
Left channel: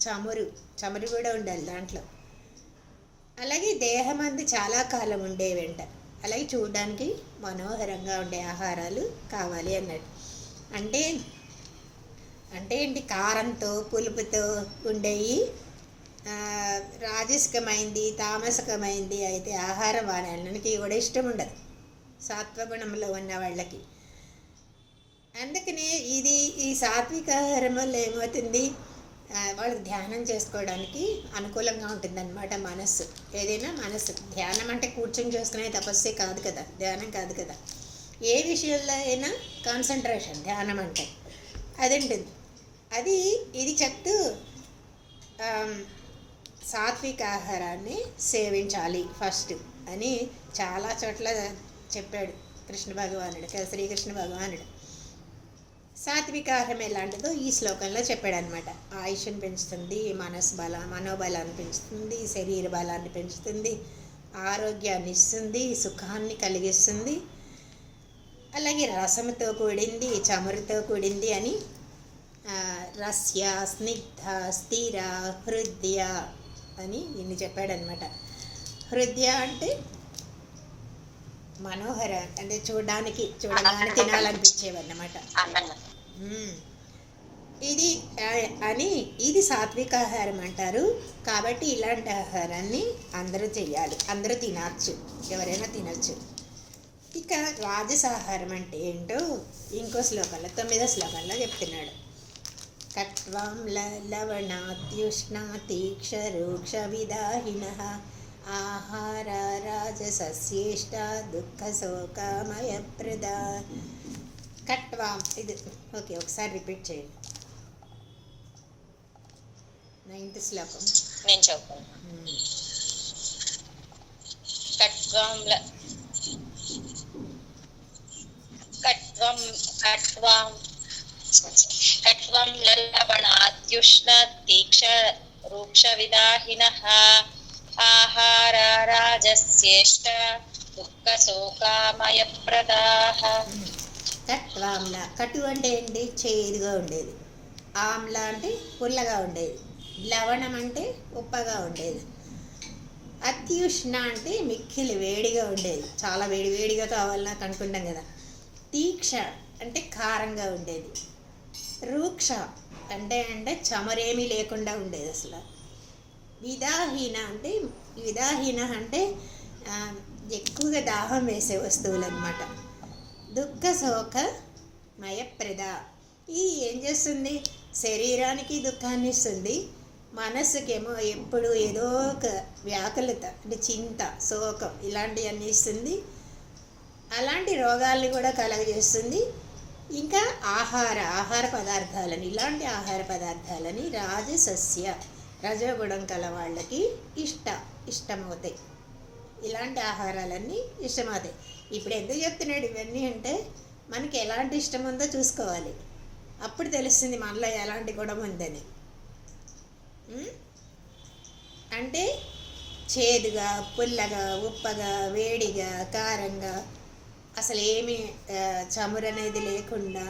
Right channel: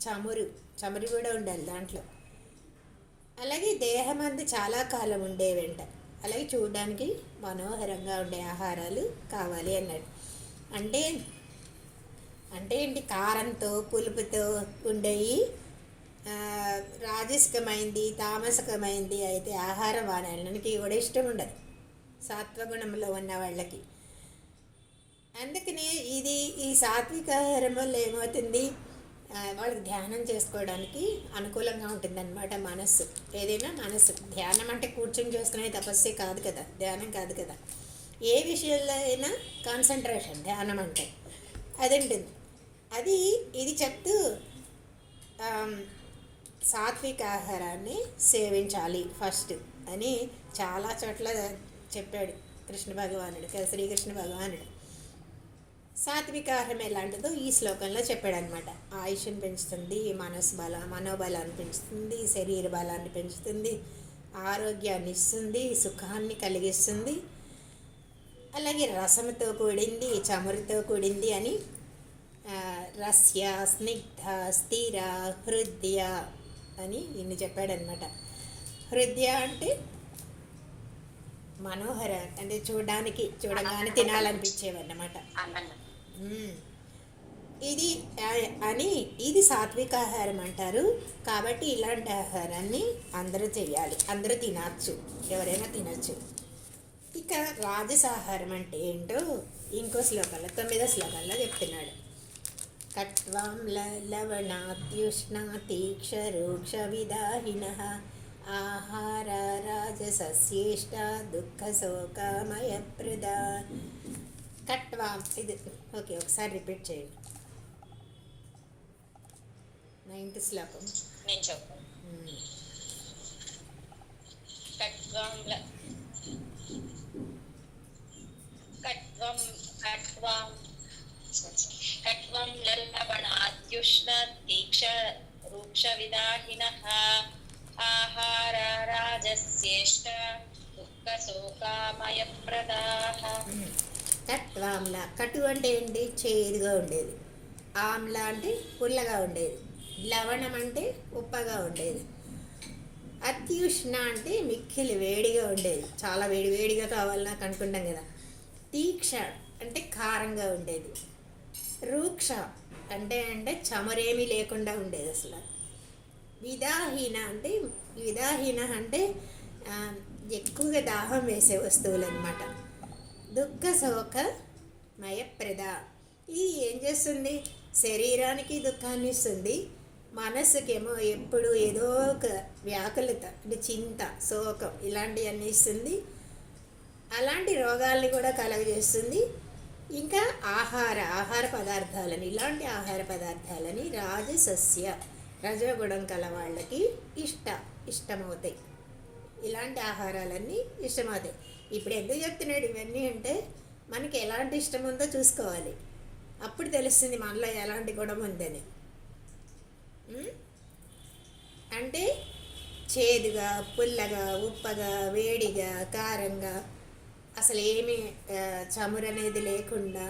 చమురు కూడా ఉండాలి దాంట్లో. అలాగే దేహమందు చాలా కాలం ఉండేవంట. అలాగే చూడడానికి మనోహరంగా ఉండే ఆహారాలు కావాలి అన్నాడు. అంటే ఏంటి, కారంతో పులుపుతో ఉండేవి రాజసికమైంది తామసికమైంది అయితే ఆహారం వాళ్ళకి కూడా ఇష్టం ఉండదు సాత్వగుణంలో ఉన్న వాళ్ళకి. అందుకనే ఈ సాత్విక ఆహారం వల్ల ఏమవుతుంది, వాళ్ళకి ధ్యానం చేసుకోవడానికి అనుకూలంగా ఉంటుందన్నమాట. మనస్సు ఏదైనా మనస్సు ధ్యానం అంటే కూర్చొని చేసుకునే తపస్సే కాదు కదా, ధ్యానం కాదు కదా. ఏ విషయంలో అయినా కాన్సన్ట్రేషన్ ధ్యానం అంటే అది ఉంటుంది. ఇది చెప్తూ సాత్విక ఆహారాన్ని సేవించాలి ఫస్ట్ అని చాలా చోట్ల చెప్పాడు కృష్ణ భగవానుడు, శ్రీకృష్ణ భగవానుడు. సాత్విక ఆహారం ఎలాంటిదో ఈ శ్లోకంలో చెప్పాడనమాట. ఆయుష్ని పెంచుతుంది, మనోబలాన్ని పెంచుతుంది, శరీర బలాన్ని పెంచుతుంది, ఆరోగ్యాన్ని ఇస్తుంది, సుఖాన్ని కలిగిస్తుంది, అలాగే రసముతో కూడింది, చమురుతో కూడింది అని రస్య స్నిగ్ధ స్థిర హృదయ అని ఇన్ని చెప్పాడనమాట. హృదయ అంటే మనోహర అంటే చూడగానే తినాలనిపించేవన్నమాట. అందంగా. మ్మ్. ఇది అని ఇది సాత్విక ఆహారం అంటారు. కాబట్టి ఇలాంటి ఆహారాన్ని అందరూ చెయ్యాలి, అందరూ తినచ్చు, ఎవరైనా తినచ్చు. ఇక రాజసాహారం అంటే ఏంటో ఇంకో శ్లోకంలో 9వ శ్లోకంలో చెప్తున్నాడు. కట్వాం లవణాత్యుష్ణా తీక్షరూక్ష విదాహిన ఆహార రాజసస్యేష్ట దుఃఖ శోకామయ ప్రద. కట్వాం ఇది ఓకే, ఒకసారి రిపీట్ చేయండి. 9th శ్లోకం. నేను చెప్తాను. కట్వం కట్వం కట్వం కట్వం లవణాద్యుష్ణ తీక్ష రూక్ష విదాహినః ఆహార రాజస్యేష్ట దుఃఖ శోకామయ ప్రదాః. కట్వాంల, కటు అంటే ఏంటి? చేదుగా ఉండేది. ఆమ్ల అంటే పుల్లగా ఉండేది. లవణం అంటే ఉప్పగా ఉండేది. అత్యుష్ణ అంటే మిక్కిలి వేడిగా ఉండేది, చాలా వేడిగా కావాలని నాకు అనుకుంటాం కదా. తీక్ష అంటే కారంగా ఉండేది. రూక్ష అంటే చమరేమీ లేకుండా ఉండేది అసలు. విదాహీన అంటే ఎక్కువగా దాహం వేసే వస్తువులు అన్నమాట. దుఃఖ శోక మయప్రద. ఇది ఏం చేస్తుంది? శరీరానికి దుఃఖాన్ని ఇస్తుంది, మనస్సుకేమో ఎప్పుడు ఏదో ఒక వ్యాకులత అంటే చింత, శోకం ఇలాంటివన్నీ ఇస్తుంది. అలాంటి రోగాల్ని కూడా కలగజేస్తుంది. ఇంకా ఆహార పదార్థాలని, ఇలాంటి ఆహార పదార్థాలని రాజసస్య రజోగుణం కల వాళ్ళకి ఇష్టమవుతాయి. ఇలాంటి ఆహారాలన్నీ ఇష్టమవుతాయి. ఇప్పుడు ఎందుకు చెప్తున్నాడు ఇవన్నీ అంటే మనకి ఎలాంటి ఇష్టం ఉందో చూసుకోవాలి. అప్పుడు తెలుస్తుంది మనలో ఎలాంటి గుణం ఉందని. అంటే చేదుగా, పుల్లగా, ఉప్పగా, వేడిగా, కారంగా, అసలు ఏమీ చమురు అనేది లేకుండా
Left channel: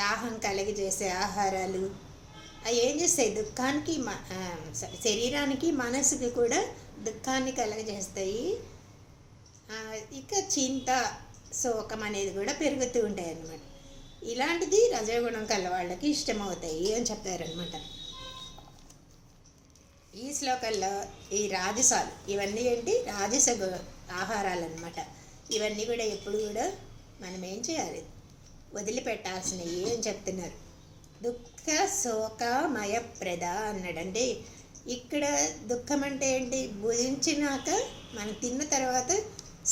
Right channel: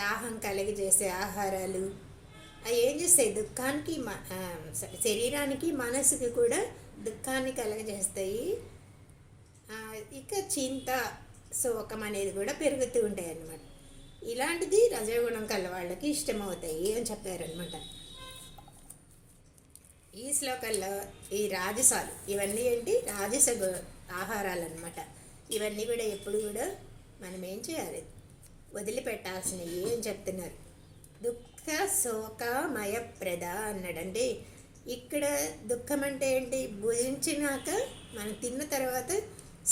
దాహం కలిగజేసే ఆహారాలు అవి ఏం చేస్తాయి? దుఃఖానికి శరీరానికి మనసుకి కూడా దుఃఖాన్ని కలగజేస్తాయి. ఇక చింత, శోకం అనేది కూడా పెరుగుతూ ఉంటాయి అన్నమాట. ఇలాంటిది రజోగుణం కల వాళ్ళకి ఇష్టమవుతాయి అని చెప్పారనమాట. ఈ శ్లోకంలో ఈ రాజసాలు ఇవన్నీ ఏంటి? రాజస ఆహారాలు అన్నమాట. ఇవన్నీ కూడా ఎప్పుడు కూడా మనం ఏం చేయాలి? వదిలిపెట్టాల్సినవి అని చెప్తున్నారు. దుఃఖ శోకమయ ప్రద అన్నాడండి. ఇక్కడ దుఃఖం అంటే ఏంటి? భుజించినాక మనం తిన్న తర్వాత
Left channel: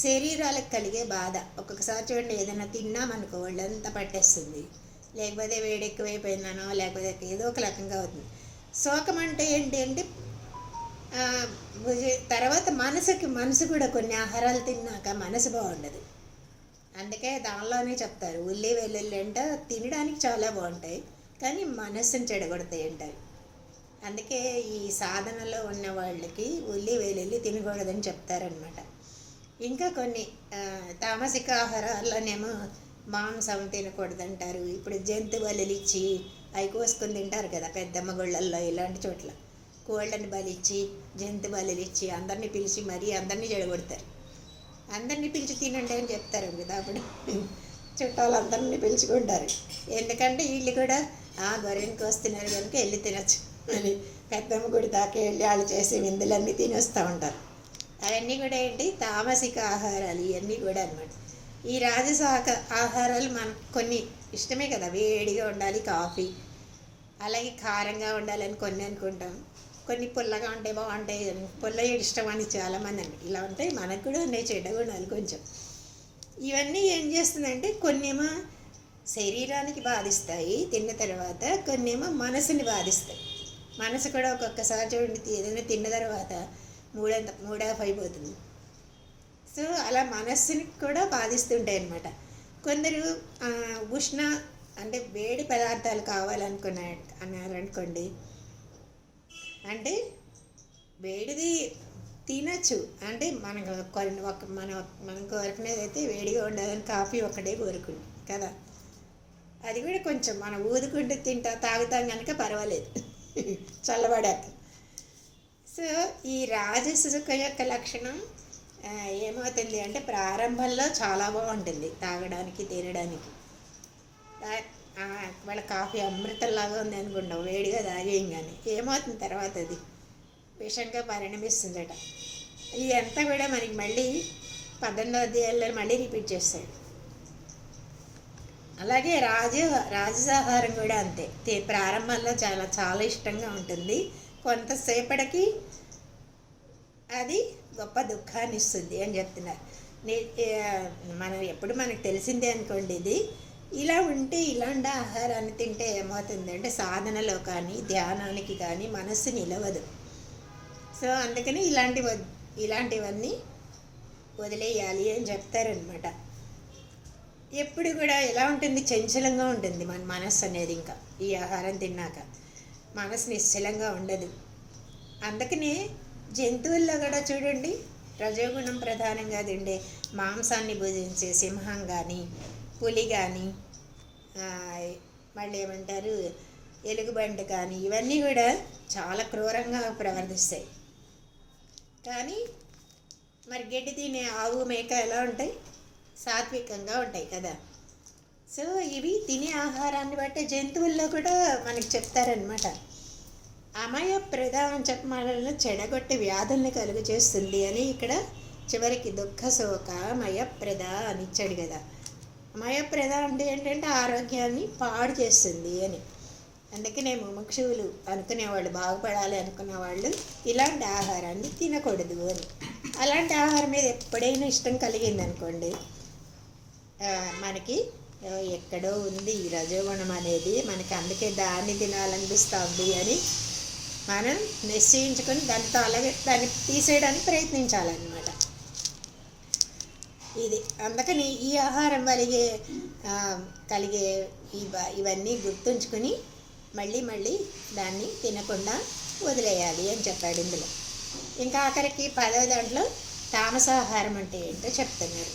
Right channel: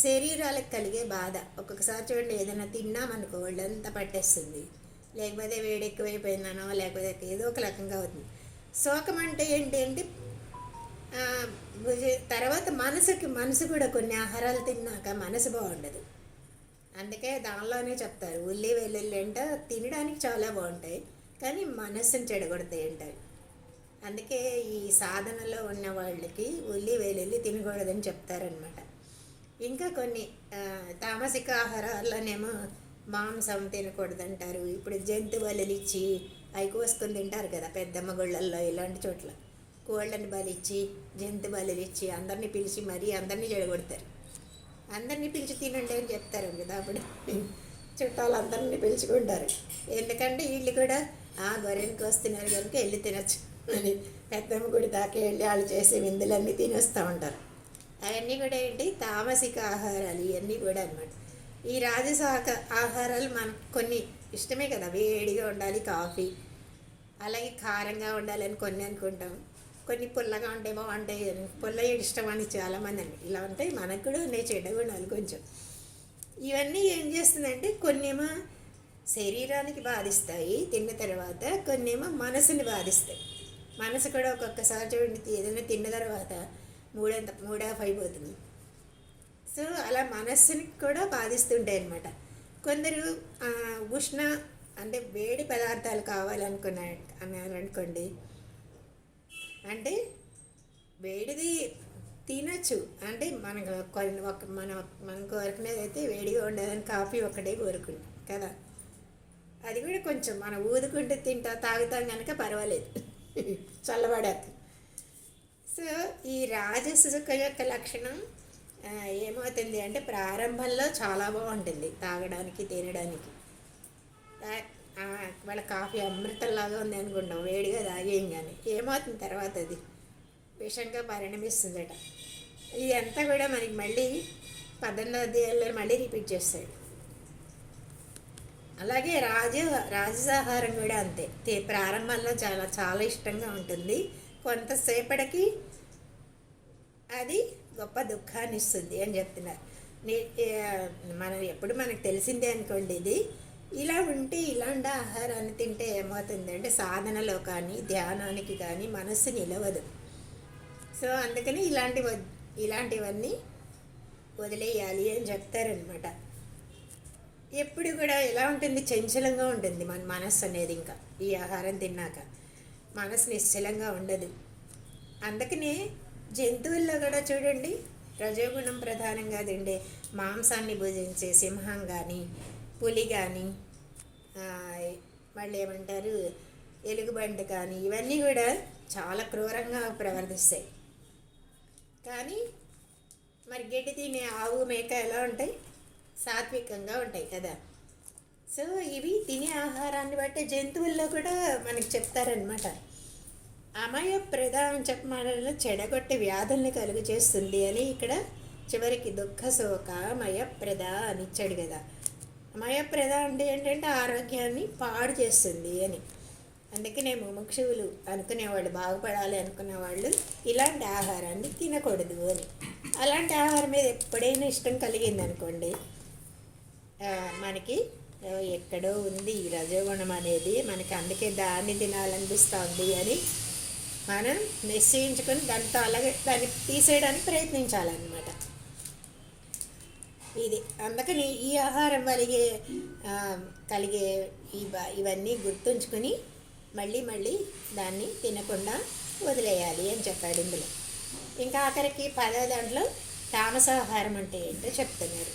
శరీరాలకు కలిగే బాధ. ఒక్కొక్కసారి చూడండి, ఏదైనా తిన్నామనుకో ఒళ్ళంతా పట్టేస్తుంది, లేకపోతే వేడి ఎక్కువైపోయిందనో లేకపోతే ఏదో ఒక రకంగా అవుతుంది. శోకం అంటే ఏంటి తర్వాత మనసు కూడా కొన్ని ఆహారాలు తిన్నాక మనసు బాగుండదు. అందుకే దానిలోనే చెప్తారు ఉల్లి వెల్లుల్లి అంటే తినడానికి చాలా బాగుంటాయి కానీ మనస్సుని చెడగొడతాయి అంటారు. అందుకే ఈ సాధనలో ఉన్న వాళ్ళకి ఉల్లి వెల్లుల్లి తినకూడదని చెప్తారనమాట. ఇంకా కొన్ని తామసిక ఆహారాల్లోనేమో మాంసం తినకూడదంటారు. ఇప్పుడు జంతు బలులు ఇచ్చి అవి కోసుకొని తింటారు కదా పెద్దమ్మ గుళ్ళల్లో, ఇలాంటి చోట్ల కోళ్ళని బలిచ్చి జంతు బలులు ఇచ్చి అందరినీ పిలిచి మరీ అందరినీ చెడగొడతారు. అందరినీ పిలిచి తినండి అని చెప్తారు కదా. అప్పుడు చుట్టాలందరినీ పిలుచుకుంటారు. ఎందుకంటే వీళ్ళు కూడా గొర్రెనికి వస్తున్నారు కనుక వెళ్ళి తినచ్చు అని పెద్దమ్మ గుడి దాకా వెళ్ళి వాళ్ళు చేసే విందులన్నీ తినేస్తూ ఉంటారు. అవన్నీ కూడా ఏంటి? తామసిక ఆహారాలు ఇవన్నీ కూడా అనమాట. ఈ రాజసాక ఆహారాలు మనకు కొన్ని ఇష్టమే కదా, వేడిగా ఉండాలి కాఫీ, అలాగే కారంగా ఉండాలని కొన్ని అనుకుంటాం, కొన్ని పుల్లగా ఉంటే బాగుంటాయి అని పుల్ల ఇష్టం అని చాలామంది అండి. ఇలా ఉంటాయి, మనకు కూడా ఉన్నాయి చెడ్డ గుణాలు కొంచెం. ఇవన్నీ ఏం చేస్తుందంటే కొన్నేమో శరీరానికి బాధిస్తాయి తిన్న తర్వాత, కొన్నేమో మనసుని బాధిస్తాయి. మనసు కూడా ఒక్కొక్కసారి చూడండి ఏదైనా తిన్న తర్వాత మూడాఫ్ అయిపోతుంది. సో అలా మనస్సుని కూడా బాధిస్తుంటాయి అన్నమాట. కొందరు ఉష్ణ అంటే వేడి పదార్థాలు అన్నారనుకోండి, అంటే వేడిది తినచ్చు, అంటే మనకు కొన్ని మనం కోరుకునేది అయితే వేడిగా ఉండదని కాఫీ ఒక్కటే కోరుకుంది కదా, అది కూడా కొంచెం మనం ఊదుకుంటూ తాగుతాం కనుక పర్వాలేదు చల్లబడాక. సో ఈ రాజసుక యొక్క లక్షణం ఆ, ఏమవుతుంది అంటే ప్రారంభంలో చాలా బాగుంటుంది తాగడానికి తినడానికి. తా- ఆ, వాళ్ళ కాఫీ అమృతంలాగా ఉంది అనుకుంటాం వేడిగా తాగేయంగానే. ఏమవుతుంది తర్వాత అది విషంగా పరిణమిస్తుందట. ఇదంతా కూడా మనకి మళ్ళీ 18వ అధ్యాయంలో మళ్ళీ రిపీట్ చేస్తాడు. అలాగే రాజసాహారం కూడా అంతే. ప్రారంభంలో చాలా చాలా ఇష్టంగా ఉంటుంది, కొంతసేపటికి అది గొప్ప దుఃఖాన్ని ఇస్తుంది అని చెప్తున్నారు. మనం ఎప్పుడు మనకు తెలిసిందే అనుకోండి ఇది. ఇలా ఉంటే ఇలాంటి ఆహారాన్ని తింటే ఏమవుతుంది అంటే సాధనలో కానీ ధ్యానానికి కానీ మనస్సు నిలవదు. సో అందుకని ఇలాంటివన్నీ వదిలేయాలి అని చెప్తారనమాట. ఎప్పుడు కూడా ఎలా ఉంటుంది, చంచలంగా ఉంటుంది మన మనస్సు అనేది. ఇంకా ఈ ఆహారం తిన్నాక మనసు నిశ్చలంగా ఉండదు. అందుకనే జంతువుల్లో కూడా చూడండి, రజోగుణం ప్రధానంగా తిండే మాంసాన్ని భుజించే సింహం కానీ పులి కానీ మళ్ళీ ఏమంటారు ఎలుగుబంటి కానీ ఇవన్నీ కూడా చాలా క్రూరంగా ప్రవర్తిస్తాయి. కానీ మరి గడ్డి తినే ఆవు మేక ఎలా ఉంటాయి, సాత్వికంగా ఉంటాయి కదా. సో ఇవి తినే ఆహారాన్ని బట్టి జంతువుల్లో కూడా మనకి చెప్తారనమాట. అమయప్రద అని చెప్పమాలలో చెడగొట్టి వ్యాధుల్ని కలుగు చేస్తుంది అని ఇక్కడ చివరికి దుఃఖ శోక మయప్రద అని ఇచ్చాడు కదా. మయప్రద అంటే ఏంటంటే ఆరోగ్యాన్ని పాడు చేస్తుంది అని. అందుకనే ముముక్షువులు అనుకునేవాళ్ళు, బాగుపడాలి అనుకునేవాళ్ళు ఇలాంటి ఆహారాన్ని తినకూడదు అని. అలాంటి ఆహారం మీద ఎప్పుడైనా ఇష్టం కలిగింది అనుకోండి, మనకి ఎక్కడో ఉంది ఈ రజోగుణం అనేది, మనకి అందుకే దాన్ని తినాలనిపిస్తుంది అని మనం నిశ్చయించుకొని దాన్ని తీసేయడానికి ప్రయత్నించాలన్నమాట. ఇది అందుకని ఈ ఆహారం కలిగే ఇవన్నీ గుర్తుంచుకొని మళ్ళీ దాన్ని తినకుండా వదిలేయాలి అని చెప్పాడు ఇందులో. ఇంకా ఆఖరికి 10వ దాంట్లో తామసాహారం అంటే ఏంటో చెప్తున్నారు.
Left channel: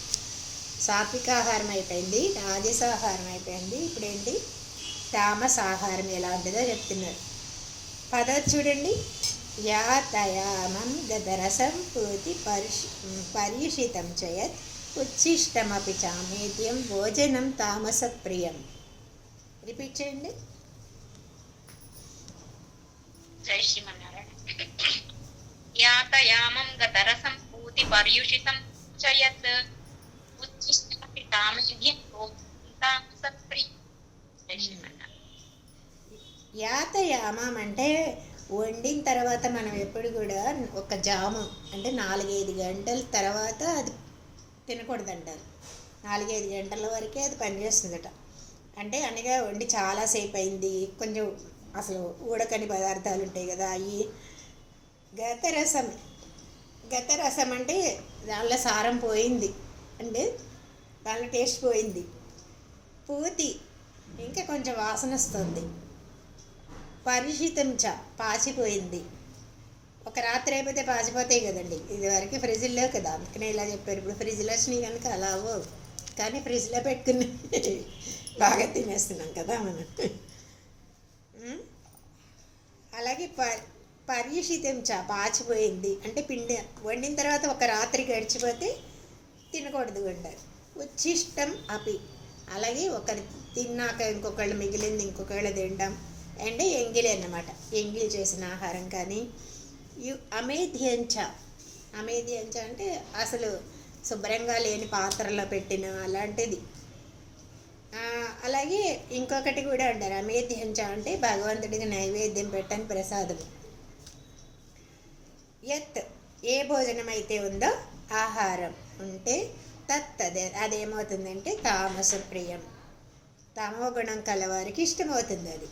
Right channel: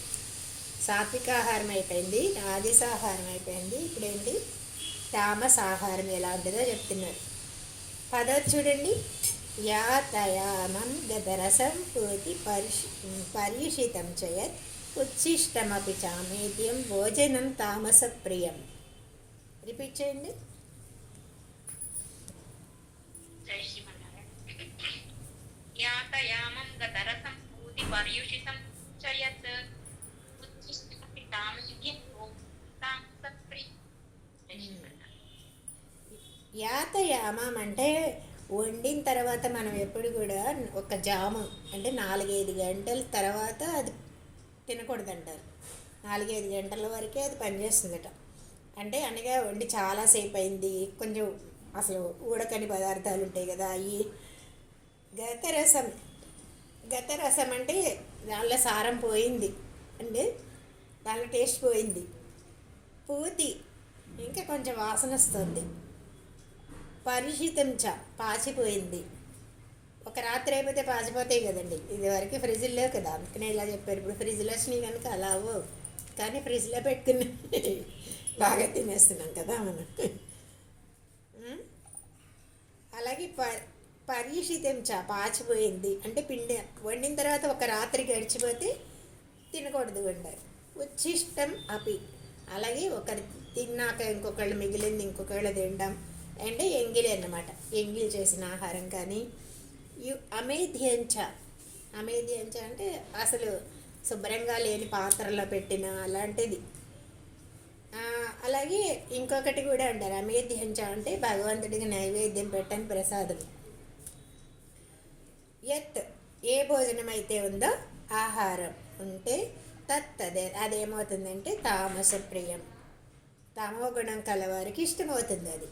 సాత్వికాహారం అయిపోయింది, రాజసాహారం అయిపోయింది, ఇప్పుడేంటి తామసాహారం ఎలా ఉంటుందో చెప్తున్నారు. 10వ చూడండి, యాతయామం గదరసం పూతి పర్యుషితం చేయత్ ఉచ్ఛిష్టమపి చామేద్యం భోజనం తామస ప్రియం. రిపీట్ చేయండి. జై శ్రీమన్నారాయణ. యాతయామం గతరసం పూతి పర్యుషితం చయత్ ఉచ్ఛిష్టమపి చామేద్యం భోజనం తామస ప్రియం. జై శ్రీమన్నారాయణ. యాతయామం అంటే వండిన తర్వాత మనం ఎప్పుడు కూడా ఒక జాము అంటే 4-5 గంటల తర్వాత అది తినకూడదంటారు. 4-5 గంటల వరకే అది పనిచేస్తుందట. అంటే అనగా వండి చాలాసేపు అయింది, కొంచెం అసలు ఉడకని పదార్థాలు ఉంటాయి కదా, అవి గతరసం అంటే దానిలో సారం పోయింది అంటే దానిలో టేస్ట్ పోయింది. పూతి ఇంకా కొంచెం వాసన వస్తుంది. పరిషితం పాచిపోయింది. ఒక రాత్రి అయిపోతే పాచిపోతాయి కదండి, ఇది వరకు ఫ్రిడ్జ్లో కదా, అందుకనే ఇలా చెప్పారు. ఇప్పుడు ఫ్రిడ్జ్లో వచ్చినాయి కనుక అలా అవ్వవు, కానీ ఫ్రిడ్జ్లో పెట్టుకుని బాగా తినేస్తున్నాం కదా మనం. అలాగే పర్యుషితం పాచిపోయింది అంటే పిండి వండిన తర్వాత ఒక రాత్రి గడిచిపోతే తినకూడదు అంటారు. ఉచ్ఛిష్టం అపి, అలాగే ఒకరు తిన్నాక ఇంకొకళ్ళు మిగిలింది ఇంకొకళ్ళు తినడం అంటే ఎంగిలి అన్నమాట. ఎంగిలి చేసిన ఆహారం కానీ అమేధ్యంచ అంటే అసలు శుభ్రంగా లేని పాత్రలో పెట్టిన అలాంటిది. అలాగే ఇంకొకటి కూడా అంటారు, అమేధ్యంచ అంటే భగవంతుడికి నైవేద్యం పెట్టని ప్రసాదం. యత్ ఏ భోజనం అయితే ఉందో ఆహారం ఉంటే అదేమవుతుందంటే తామస ప్రియం, తమో గుణం కలవారికి ఇష్టమవుతుంది అది.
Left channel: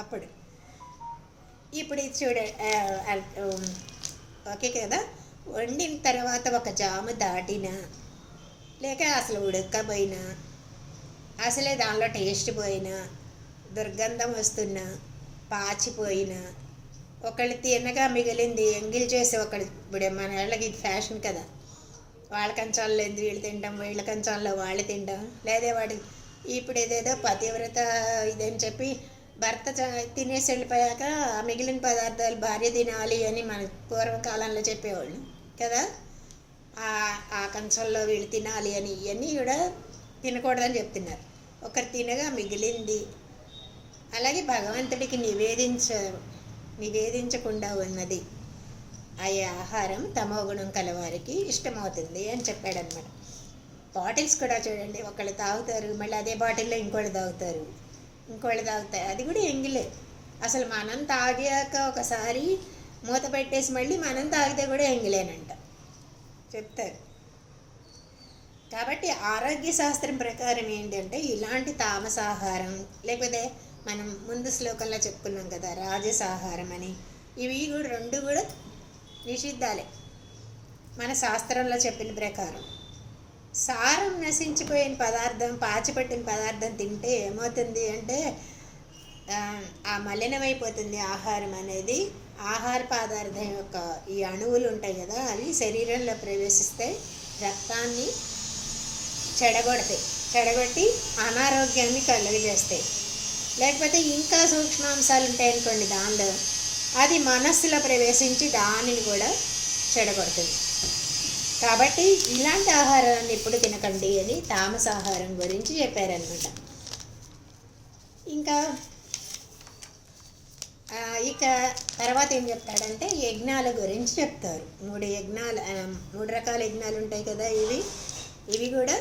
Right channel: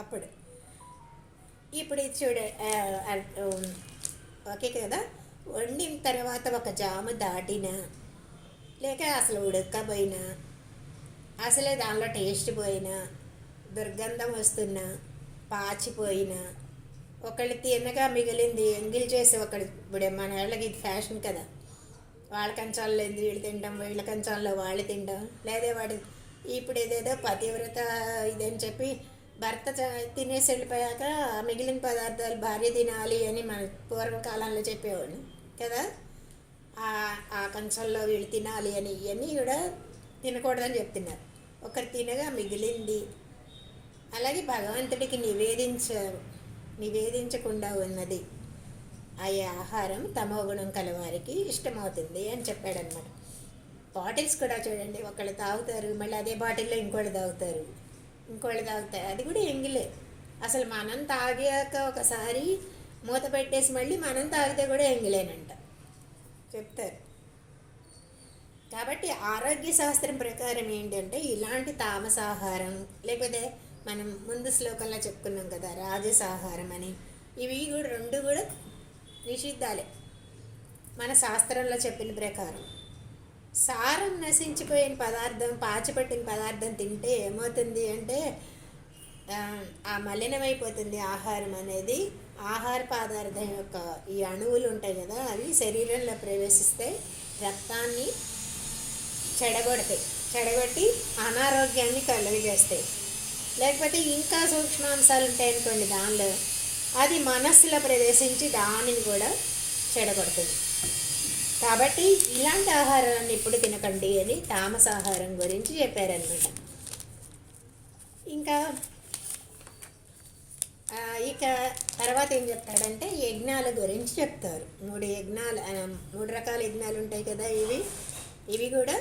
అప్పుడు ఇప్పుడు ఇది ఓకే కదా. వండిన తర్వాత ఒక జాము దాటినా లేక అసలు ఉడకపోయినా, అసలే దానిలో టేస్ట్ పోయినా, దుర్గంధం వస్తున్నా, పాచిపోయినా, ఒకళ్ళు తినగా మిగిలింది ఎంగిల్ చేసి ఒకళ్ళు, ఇప్పుడు మన వాళ్ళకి ఇది ఫ్యాషన్ కదా, వాళ్ళ కంచాల్లో వీళ్ళు తింటాం, వీళ్ళ కంచాల్లో వాళ్ళు తింటాం, లేదా వాడు ఇప్పుడు ఏదేదో పతివ్రత ఇదని చెప్పి భర్త తినేసి వెళ్ళిపోయాక మిగిలిన పదార్థాలు భార్య తినాలి అని మన పూర్వకాలంలో చెప్పేవాళ్ళు కదా. ఆ కంచంలో వీళ్ళు తినాలి అని ఇవన్నీ కూడా తినకూడదని చెప్తున్నారు. ఒకరు తినగా మిగిలింది, అలాగే భగవంతుడికి నివేదించకుండా ఉన్నది ఆ ఆహారం తమోగుణం కలవారికి ఇష్టమవుతుంది అని చెప్పాడనమాట. బాటిల్స్ కూడా చూడండి, ఒకళ్ళు తాగుతారు, మళ్ళీ అదే బాటిల్లో ఇంకోళ్ళు తాగుతారు, అది కూడా ఎంగిలే. అసలు మనం తాగాక ఒకసారి మూత పెట్టేసి మళ్ళీ మనం తాగితే కూడా ఎంగిలేనంట చెప్తారు. కాబట్టి ఆరోగ్య శాస్త్రం ప్రకారం ఏంటంటే ఇలాంటి తామసాహారం, లేకపోతే మనం ముందు శ్లోకంలో చెప్పుకున్నాం కదా రాజసాహారం అని, ఇవి కూడా రెండు కూడా నిషిద్ధాలే మన శాస్త్రంలో చెప్పిన ప్రకారం. సారం నశించిపోయిన పదార్థం, పాచిపట్టిన పదార్థం తింటే ఏమవుతుంది అంటే ఆ మలినమైపోతుంది ఆహారం అనేది. ఆహార పదార్థం యొక్క ఈ అణువులు ఉంటాయి కదా, అవి శరీరంలో ప్రవేశిస్తే రక్తాన్ని చెడగొట్టి అనారోగ్యాన్ని కలుగజేస్తాయి. లేకపోతే ఇంకా సూక్ష్మాంశాలు ఉంటాయి అనుకోండి దానిలో, అది మనస్సులో ప్రవేశించి దానిని కూడా చెడగొడుతుంది. కాబట్టి ఇలాంటి ఆహారాన్ని ఎప్పుడు తినకండి అని తామసాహారం గురించి చెప్పారనమాట. ఇంకా ఇక తర్వాత ఏం చెప్తాడంటే యజ్ఞాల గురించి చెప్తారు. 3 రకాల యజ్ఞాలు ఉంటాయి కదా, ఇవి కూడా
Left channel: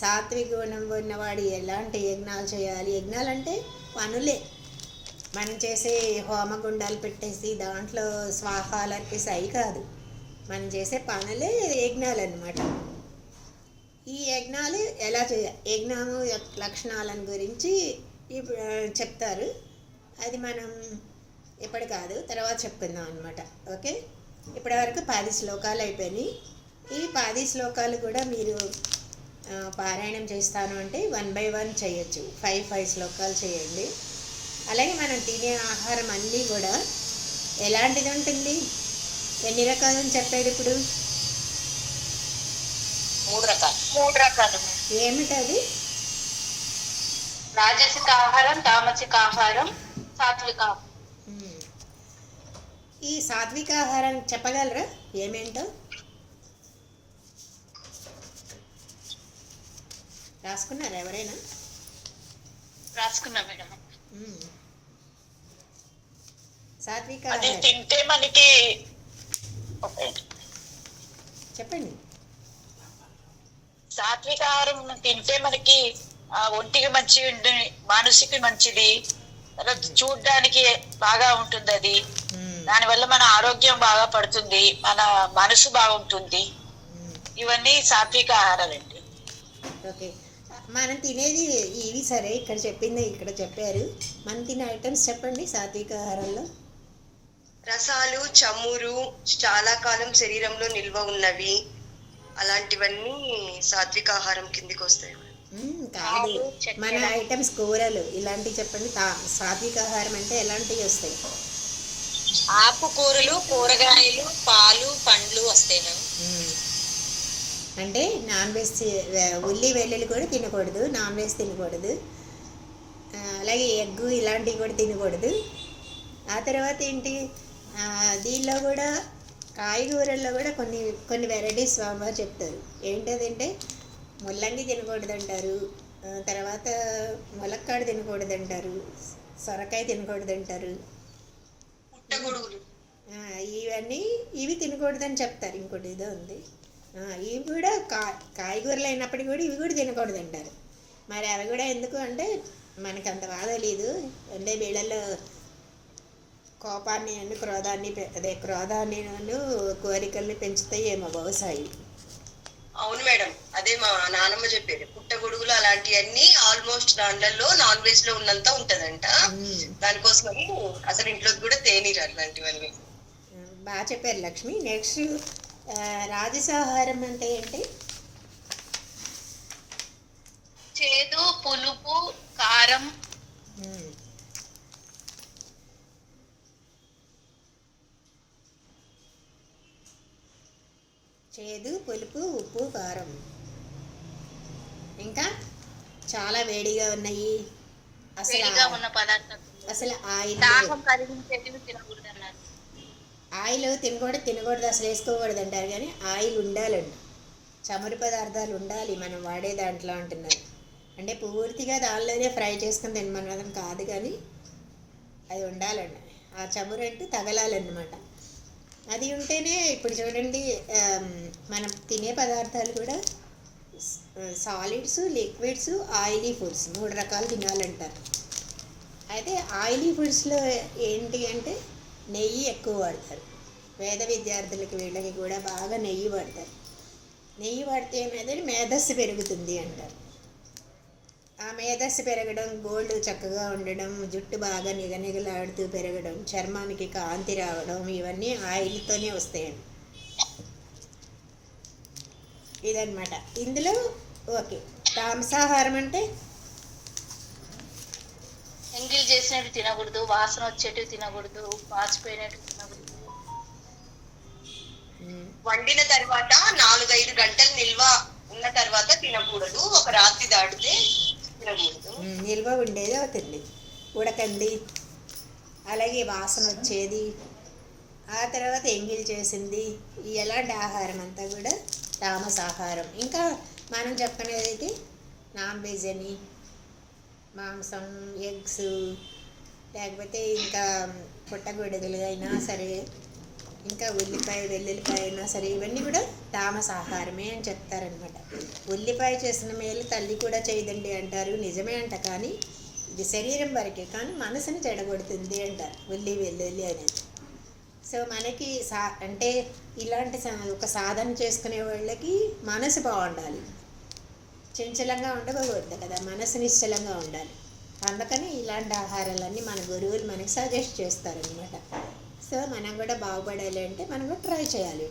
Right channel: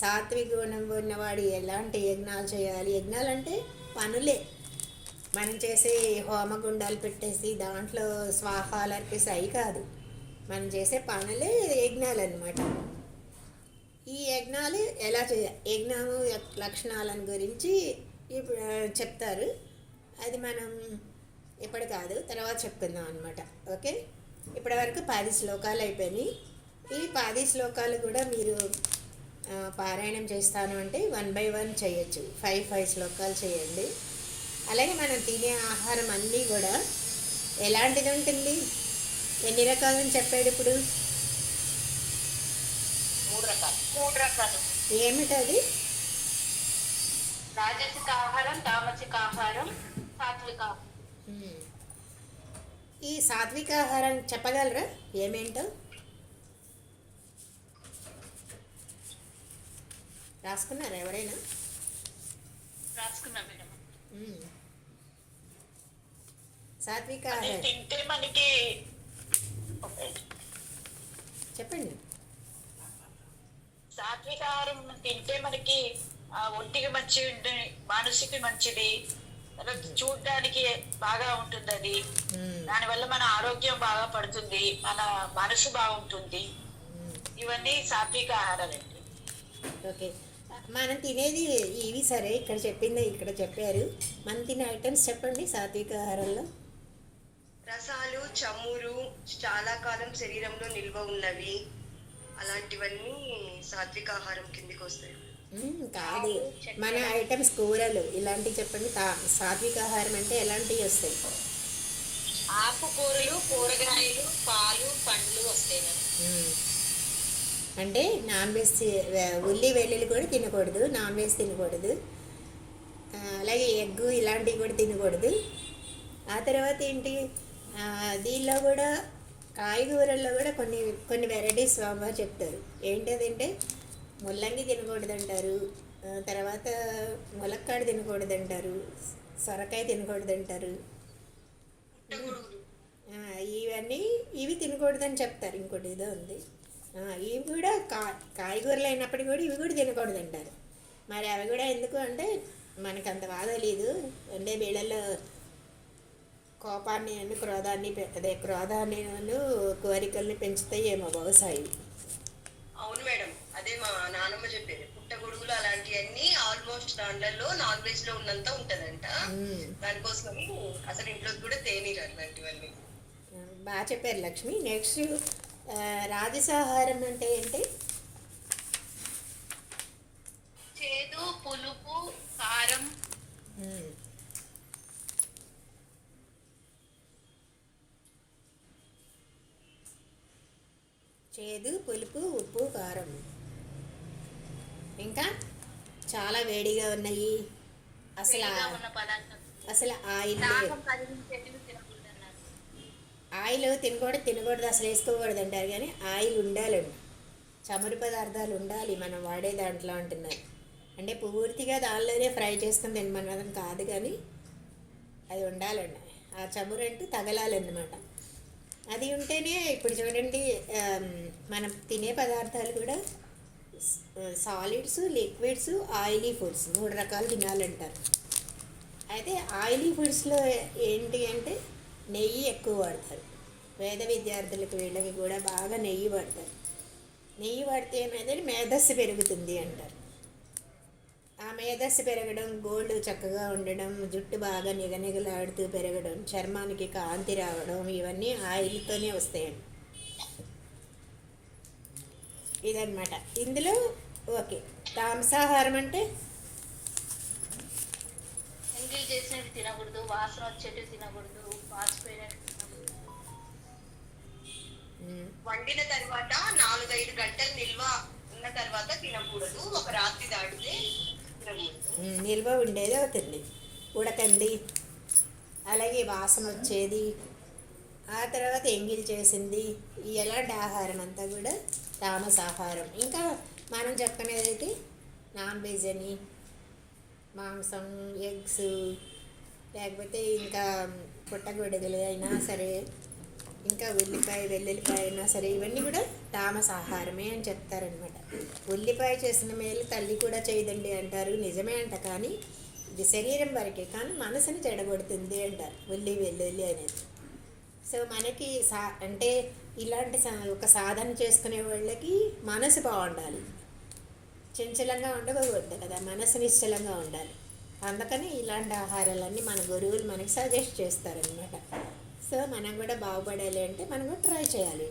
సాత్విక గుణం ఉన్నవాడు ఎలాంటి యజ్ఞాలు చేయాలి. యజ్ఞాలు అంటే పనులే, మనం చేసే హోమగుండాలు పెట్టేసి దాంట్లో స్వాహాలు అర్పిస్తే అవి కాదు, మనం చేసే పనులే యజ్ఞాలు అన్నమాట. ఈ యజ్ఞాలు ఎలా చేయాలి, యజ్ఞము లక్షణాలను గురించి ఇప్పుడు చెప్తారు. అది మనం ఇప్పుడు కాదు, తర్వాత చెప్పుకుందాం అనమాట. ఓకే, ఇప్పటి వరకు 10 శ్లోకాలు అయిపోయినాయి. ఈ 10 శ్లోకాలు కూడా మీరు పారాయణం చేస్తాను అంటే 1 by 1 చేయొచ్చు, 5 శ్లోకాలు చేయండి. అలాగే మనం తినే ఆహారం అన్నీ కూడా ఎలాంటిది ఉంటుంది, ఎన్ని రకాలని చెప్పాడు ఇప్పుడు? 3 రకాలు. ఏమిటది? రాజసిక ఆహారం, తామసిక ఆహారం, సాత్విక ఆహారం. ఈ సాత్విక ఆహారం చెప్పగలరా ఏమేంటో? రాసుకున్నారా ఎవరైనా? రాసుకున్నా మేడం. సాత్విక అది ఆహారం తింటే మనకి చెప్పండి. సాత్విక ఆహారం తింటే మనకి ఒంటికి మంచిది, మానసిక మంచిది, తర్వాత చూడడానికి బాగా ఉంటుంది. అది దానివల్ల మన ఆరోగ్యం బాగా పడుతుంది, మన మనసు బాగుంటుంది. ఇవన్నీ సాత్విక ఆహారాలండి. ఓకే, మనం తినేది ఇవి సరే, ఇక్కడ చెప్పింది ఇక్కడ చెప్పారు. మనం తినే ఐటమ్స్ చెప్పండి సాత్విక ఆహారంలో. రసాలు, చమురు, చాలా కాలం శరీరంలో నిల్వ ఉన్నవి, అలాంటివన్నీ సాత్విక ఆహారం కిందికి వస్తాయి. కాదు, మన ఐటమ్స్ కూరలు ఇలాంటివి చెప్పండి. సాత్విక ఆహారం అంటే ఎలాంటివి వస్తాయి? ఆకుకూరలు, కూరగాయలు, పాలు, పండ్లు వస్తాయి. అంటే నాన్ వెజ్, ఉల్లి వెల్లుల్లి కూడా తినకూడదు, నాన్ వెజ్ తినకూడదు. అలాగే ఎగ్గు ఇలాంటివి కూడా తినకూడదు. ఆ తర్వాత ఏంటి, దీనిలో కూడా కాయగూరల్లో కూడా కొన్ని వెరైటీస్ స్వామివారు చెప్తారు. ఏంటంటే ముల్లంగి తినకూడదు అంటారు, తర్వాత ములక్కాడు తినకూడదు అంటారు, సొరకాయ తినకూడదు అంటారు. ఇవి తినకూడదని చెప్తారు. ఇంకోటి ఏదో ఉంది, ఇవి కూడా కాయగూరలు అయినప్పటికీ కూడా ఇవి కూడా తినకూడదు అంటారు. మరి అవి కూడా ఎందుకు అంటే మనకు అంత బాధ లేదు అంటే వీళ్ళల్లో కోపాన్ని క్రోధాన్ని కోరికల్ని పెంచుతాయి ఏమో బహుశా. అవును మేడం, అదే మా నానమ్మ చెప్పేది. పుట్టగొడుగులు అలాంటివన్నీ ఆల్మోస్ట్ దాంట్లో నాన్ వెజ్ లో ఉన్నంత ఉంటదంట. దానికోసమని అసలు ఇంట్లోకి కూడా తేనీరు అట్లాంటివన్నీ. బాగా చెప్పారు లక్ష్మి. నెక్స్ట్ రాజసాహారం అంటే ఏంటి? చేదు, పులుపు, కారం. చేదు, పులుపు, ఉప్పు, కారం. ఇంకా చాలా వేడిగా ఉన్నాయి, అసలు ఆయిల్ ఆయిల్ తినకూడదు అసలు వేసుకోకూడదు అంటారు, కానీ ఆయిల్ ఉండాలండి. చమురు పదార్థాలు ఉండాలి మనం వాడే దాంట్లో అంటున్నారు. అంటే పూర్తిగా దానిలోనే ఫ్రై చేసుకుని తినమనడం కాదు, కానీ అది ఉండాలండి. ఆ చమురు అంటే తగలాలన్నమాట. అది ఉంటేనే ఇప్పుడు చూడండి, మనం తినే పదార్థాలు కూడా సాలిడ్స్, లిక్విడ్స్, ఆయిలీ ఫుడ్స్ 3 రకాలు తినాలంటారు. అయితే ఆయిలీ ఫుడ్స్లో ఏంటి అంటే నెయ్యి ఎక్కువ వాడతారు. వేద విద్యార్థులకి వీళ్ళకి కూడా బాగా నెయ్యి వాడతారు. నెయ్యి వాడితే ఏమైందంటే మేధస్సు పెరుగుతుంది అంటారు. ఆ మేధస్సు పెరగడం, గోల్డ్ చక్కగా ఉండడం, జుట్టు బాగా నిగనిగలాడుతూ పెరగడం, చర్మానికి కాంతి రావడం, ఇవన్నీ ఆయిల్తోనే వస్తాయండి. ఇదన్నమాట ఇందులో. ఓకే, మాంసాహారం అంటే ఎంగిల్ చేసినవి తినకూడదు, వాసన వచ్చేటివి తినకూడదు, పాచిపోయినవి తినకూడదు. వండిన తర్వాత 4-5 గంటలు నిల్వ ఉన్న తర్వాత తినకూడదు. ఒక రాత్రి దాటితే తినకూడదు. నిల్వ ఉండేది అవుతుంది, ఉడకంది, అలాగే వాసన వచ్చేది, ఆ తర్వాత ఎంగిల్ చేసింది, ఎలాంటి ఆహారం అంతా కూడా తామసాహారం. ఇంకా మనం చెప్పనేదైతే నాన్ వెజ్ అని, మాంసం, ఎగ్స్, లేకపోతే ఇంకా పుట్టగొడుగులు అయినా సరే, ఇంకా ఉల్లిపాయ, వెల్లుల్లిపాయ అయినా సరే, ఇవన్నీ కూడా తామసాహారమే అని చెప్తారనమాట. ఉల్లిపాయ చేసిన మేలు తల్లి కూడా చేయదండి అంటారు, నిజమే అంట. కానీ ఇది శరీరం వరకే, కానీ మనసుని చెడగొడుతుంది అంటారు వెల్లుల్లి అనేది. సో మనకి అంటే ఇలాంటి ఒక సాధన చేసుకునే వాళ్ళకి మనసు బాగుండాలి, చంచలంగా ఉండకూడదు కదా, మనసు నిశ్చలంగా ఉండాలి. అందుకని ఇలాంటి ఆహారాలన్నీ మన గురువులు మనకి సజెస్ట్ చేస్తారనమాట. సో మనం కూడా బాగుపడాలి అంటే మనం కూడా ట్రై చేయాలి.